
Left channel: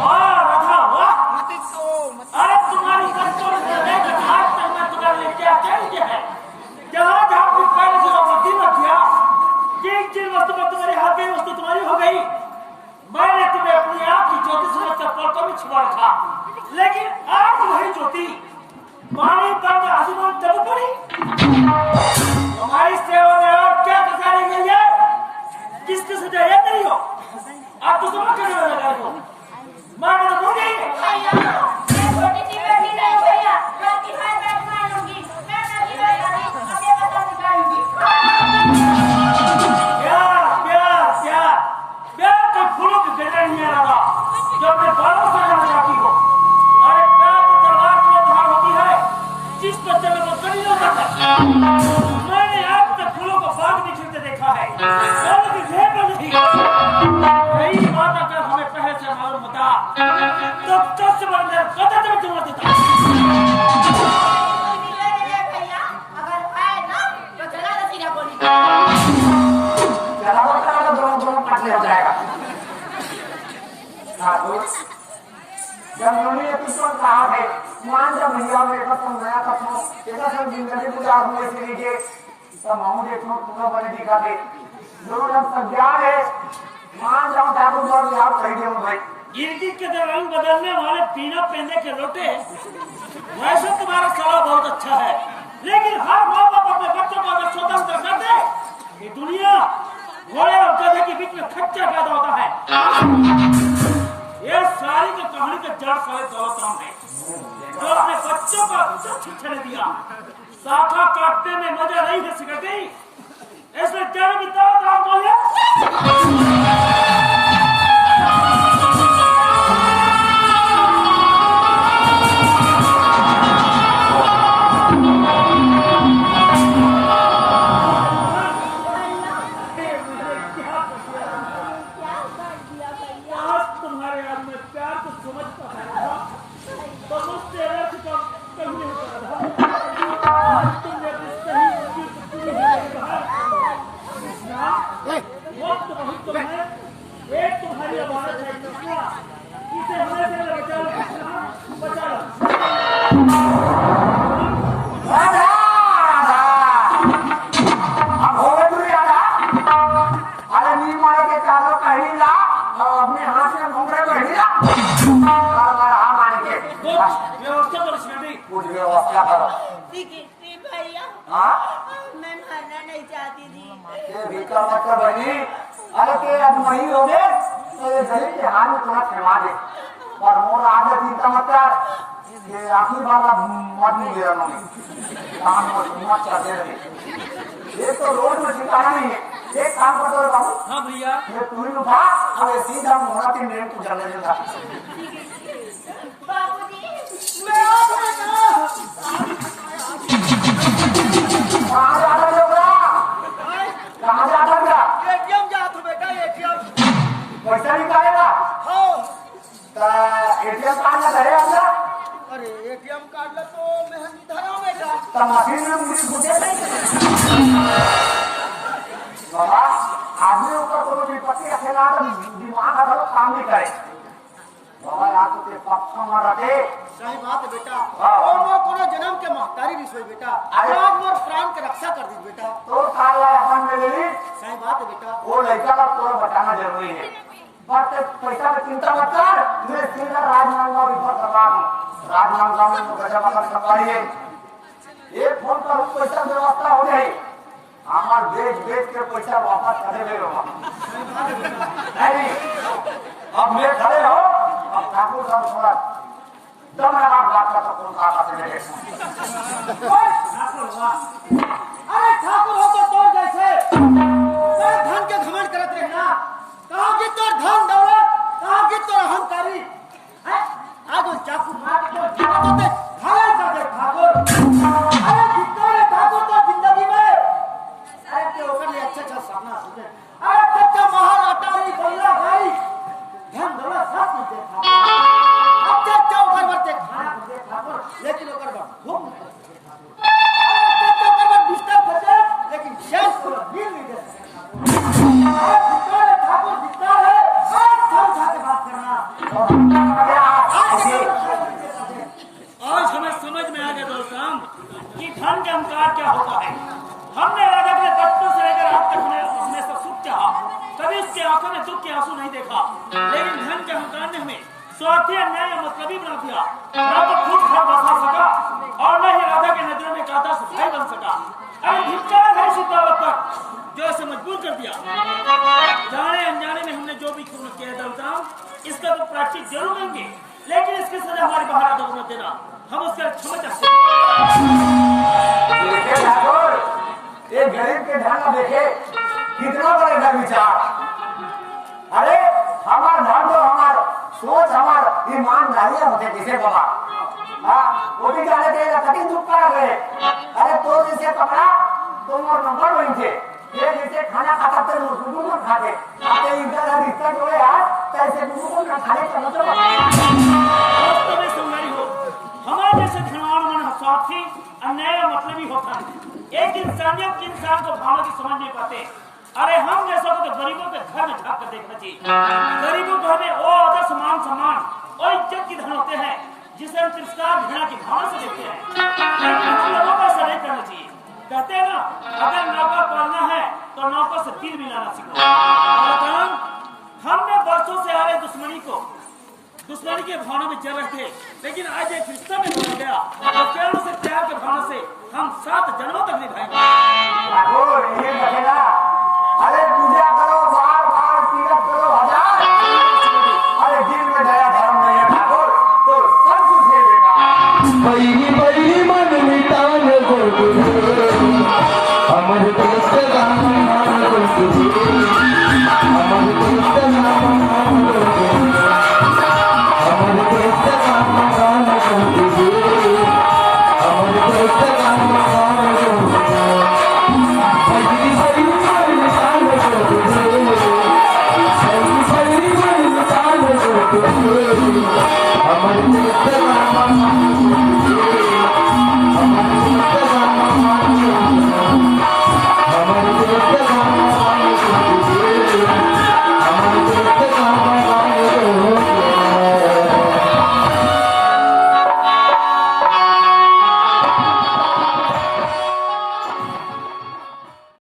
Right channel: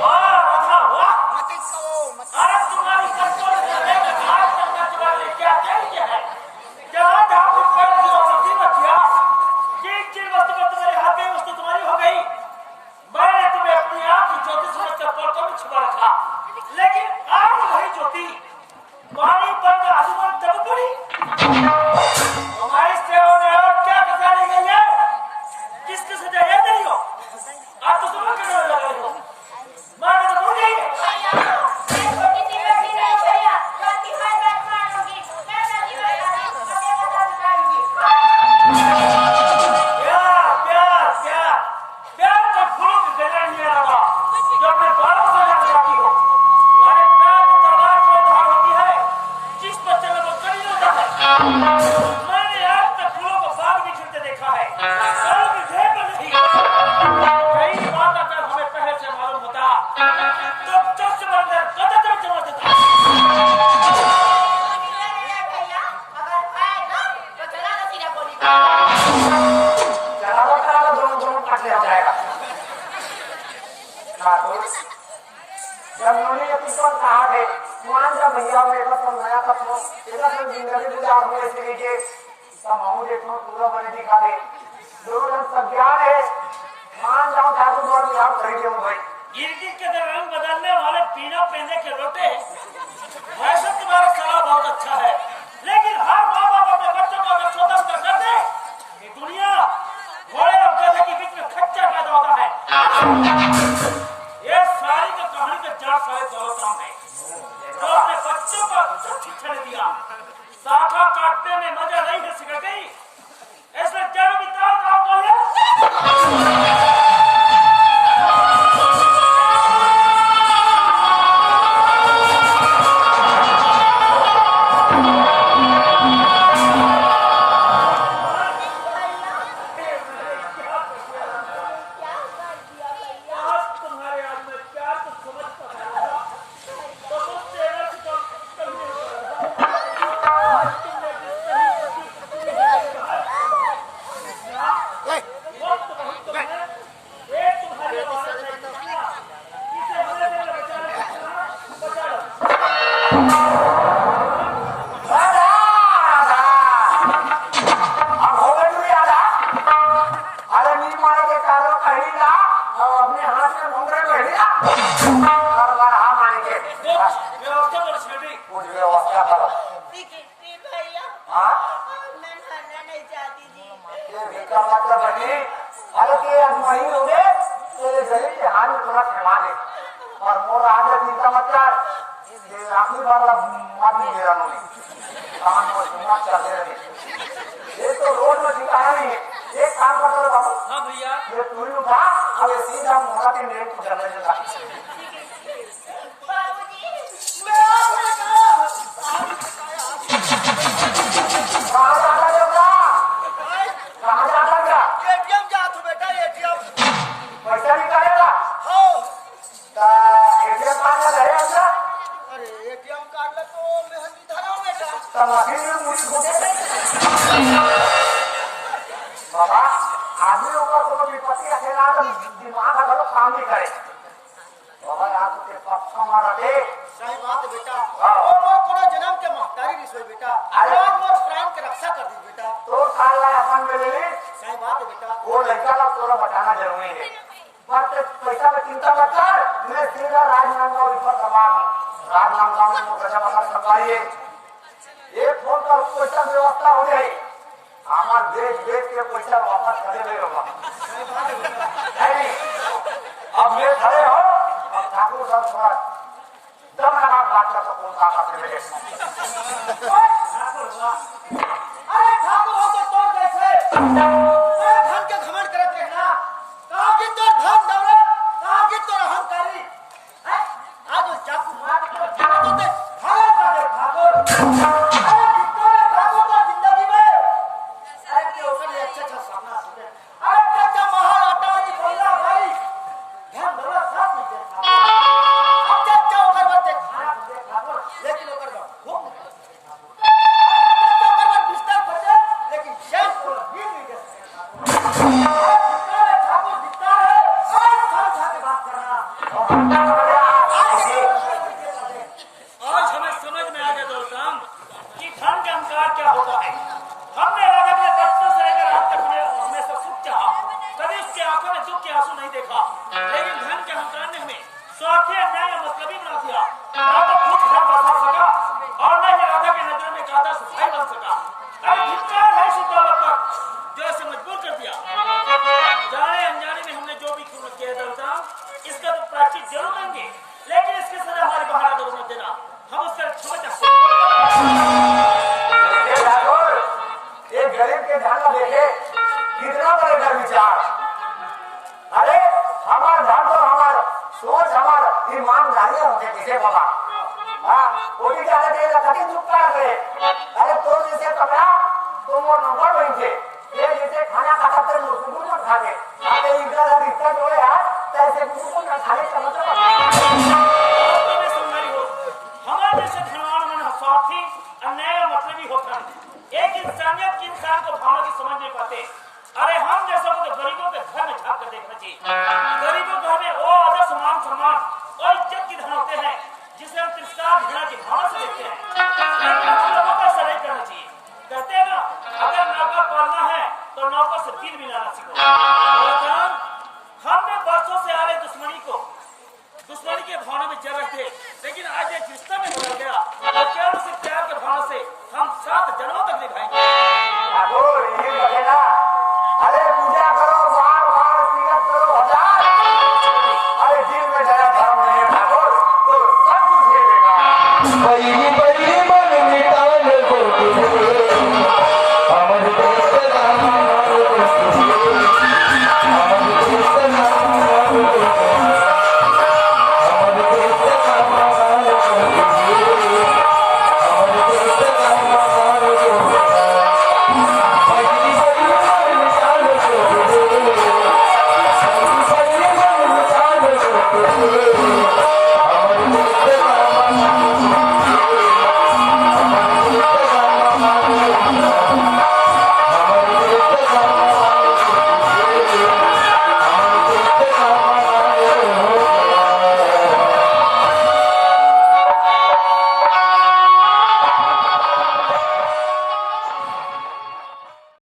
वाह राधा वाह, आज तुम्हारी संतोष से लेकर आज तक मैं तुम्हारे लिए क्या कह दिया है। जहाँ जहाँ कुछ पहले की वस्तु मत किया, जिन वस्तु पर तुम्हारी हाथ गई वस्तु तुम्हारी हो गई। मैंने तुम्हें अपनी आप की ज्योति समझकर पलकों में छुपा रखा, लेकिन आज वही ज्योति पानी बंद आसमान तब पड़ी। तुम्हारी सेवा में और क्या बचाने गई है, जिसकी सजा ये नहीं हो। आप तो समझ कर लगा हो, माँ ने तो भूल गई है। भैया, मैं छोटी सी बेटी नहीं हूँ भैया, जो आपकी हर बात मान लूंगी। मैं सभी बताती हूँ, अपने बता दिखाऊंगी। प्यार प्यार प्यार प्यार को फूल देना ही है राधा, जो अपने बालों से जाना चाहती हो। अरे प्यार तो तलवार की धार होती है, जिस बच्चे में वो कभी नहीं होता है। मैंने आज तक फूलों को बाग में खिलते देखा है, फूलों की ढेर पर नहीं। यही बात अगर हमें पहले से मालूम होता तो चुस्त बनकर कदम में जमा देता। मिलने नहीं भैया, अगर है ना तो चला ना सीधा गोली। चलाओ चलाओ, दोनों पटले हो जाएगा। ठाकुर, जब उन्होंने ये पुष्पन कहा है, मान जा भैया मेरा नया कपड़ों, इसका सब जिंदगी गुजार हुए से लीजिए, तब हम देखो पूरा बने दिखा दे। जो जब सब ज्ञान है, मान जाओ ठाकुर और बिहार खरीदे हूँ भाई। गिरगिट के रंग बदलने वाले बिना पहनने के लोटे, वैसे तुम्हारा सलाह बहुत अच्छा है, लेकिन हर माँ बाप अपने बच्चों को अगर स्वतंत्र कर दे, ये दुनिया घोड़े और गधे के बीच में खच्चर पैदा होता है। ये सारी की कहानी का जड़ सारे दौलतराम है, जो अपने बच्चों को शिक्षा ने दिया। शाखा काटने में मजा नहीं है सिखा गई, ऐसे जड़ की दौलतराम बोले। आखिरी बार मत नहीं दे रहा ये तो रोड में ठिकाना नहीं है। एक काम कर दो बाबू। हाँ भैया, ये तू ही उठा और ये सीधा मोड़ा के मेरे को चलने देगा। बाबूजी, मैं कहाँ जाता होगा? कहाँ जाता क्या? एटीएम जाता बेटा, एटीएम। पैसा निकालेगा? एटीएम कार्ड में रहे अपना? अरे एटीएम कार्ड में तो मेहंदी धरा बेटा। मशीन में मुझे घुसे नहीं बाबा। आदमी ऊपर को विपत्ति रखेगा तो दिमाग अगर काम भी करे बाबा। यहाँ तो पक्का मारा दे। सही बात है बेटा। हाँ। मोर कोनो जन्म के महतारी नहीं सोई बेटा। अरे। आज मोर प्राण के रक्षा कर दी बेटा। तो काल ला अपन में ले ली। सही बात है बेटा। वो लड़का का थोड़ा बताना जरूरी है। बट पैसा की चिंता मत कर। मैं सीधा राजनांदगांव रिफर करवा दूँ। राजनांदगांव में गजा पकड़ करवाइए। एक फोन पर पैसा व्यवस्था हो जाए। हमार बेच बेच के पैसा वापस करे में रहा नहीं। अब मैं खड़े हो। अब ठाकुर सब थोड़ा दम लगा बात का तो कौन कहा करते बेटे। अरे ठाकुर हो तो तोड़ जैसे धन के घमंड करते हैं ना। कहा कि तो धन दौलत, कहा कि तो अहंकारी। आज चाकू मार के तो दे घायल कर दे ठाकुर। अरे जितने ठाकुर तो जिंदगी में अरे के ओकर लिए अच्छा सपना सोचे। अरे कच्चा महल अटारी बंगला गाड़ी धन दौलत सब कुछ दे ठाकुर। अच्छा ओकर बरते खाना दे ठाकुर, लेकिन ओकर बर भूख नहीं दे ठाकुर। अच्छा ओकर बर बिस्तर खोजे, लेकिन चैन को नींद नहीं दे ठाकुर। ठाकुर जितना है आज सब उठा के बात करना। आज हमें समझ में आ गया दौलतराम कि धन के अहंकार क्या होता है। हमने राजा के बचपन से लेकर आज तक हमें सब सुख चाहा, कभी उसके आंखों में दुख के आंसू नहीं देखा। लेकिन धन के अहंकार ने हमें स्वार्थी, अन्याय या मतलबी बना दिया। न तो खुद घर बसा सका और न ही राजा के नजरों में कादा सुखाई बन सका। अरे धिक्कार है इसी दौलत पर जो इसे मजबूर कर दिया। जाने अनजाने में हमने जो भी किया दौलतराम, इसका तो प्रायश्चित जरूर लेंगे, लेकिन इसकी सजा हमारी बाहर आदत मत देना। हम उसका क्षमा चाहते हैं। ये गरीब के ध्यान में देखे कितना बड़े विचार। अरे हमार धन तो हमार सोच हमार ईमानदारी होते किसे बाबा। हाँ वो भी जाने देगा कभी दुख कर रहे। अरे तो जैसे कपड़ा तो मोर नंबर वही थे। ये जैसे खाना खाता थे गुरु में खाते आते इनका जब रिश्ता जोड़े यार तैसे गुरु को ना खाने का मतलब तो में सुनवारी हो। हमारे जैसे धनवान मन स्वार्थी, अन्याय और मतलबी होता है। एक इंसानियत के इंसान को भावना की समझ नहीं पाते। अरे हम जैसा को तो गरीबों के घर में झाँक कर देखना चाहिए। गरीबों के घर में वो आदर्श मान सम्मान और इज्जत की धन होते हैं जिसे हम तिरस्कार घृणा की भावना से देखते हैं। लेकिन हम लोगों का ऐसा नहीं करना चाहिए। कहते हैं ना, अगर नौका पालना है तो नौका से दिल मिलाना सीखो। हमने बरसों से आ रहे दुश्मनी को दुश्मनी के भावना में जल रहे थे, लेकिन आज एक रिश्ता में बदल गया और केवल से प्यार के भावना से हम 7 जन्मों तक निभाएंगे। ठाकुर ये बचेगा। अरे पूजा करो बार बार, तीरथ करो हजार, अरे दिल में जरा धर्म नहीं है ठाकुर तो सब कुछ है बेकार।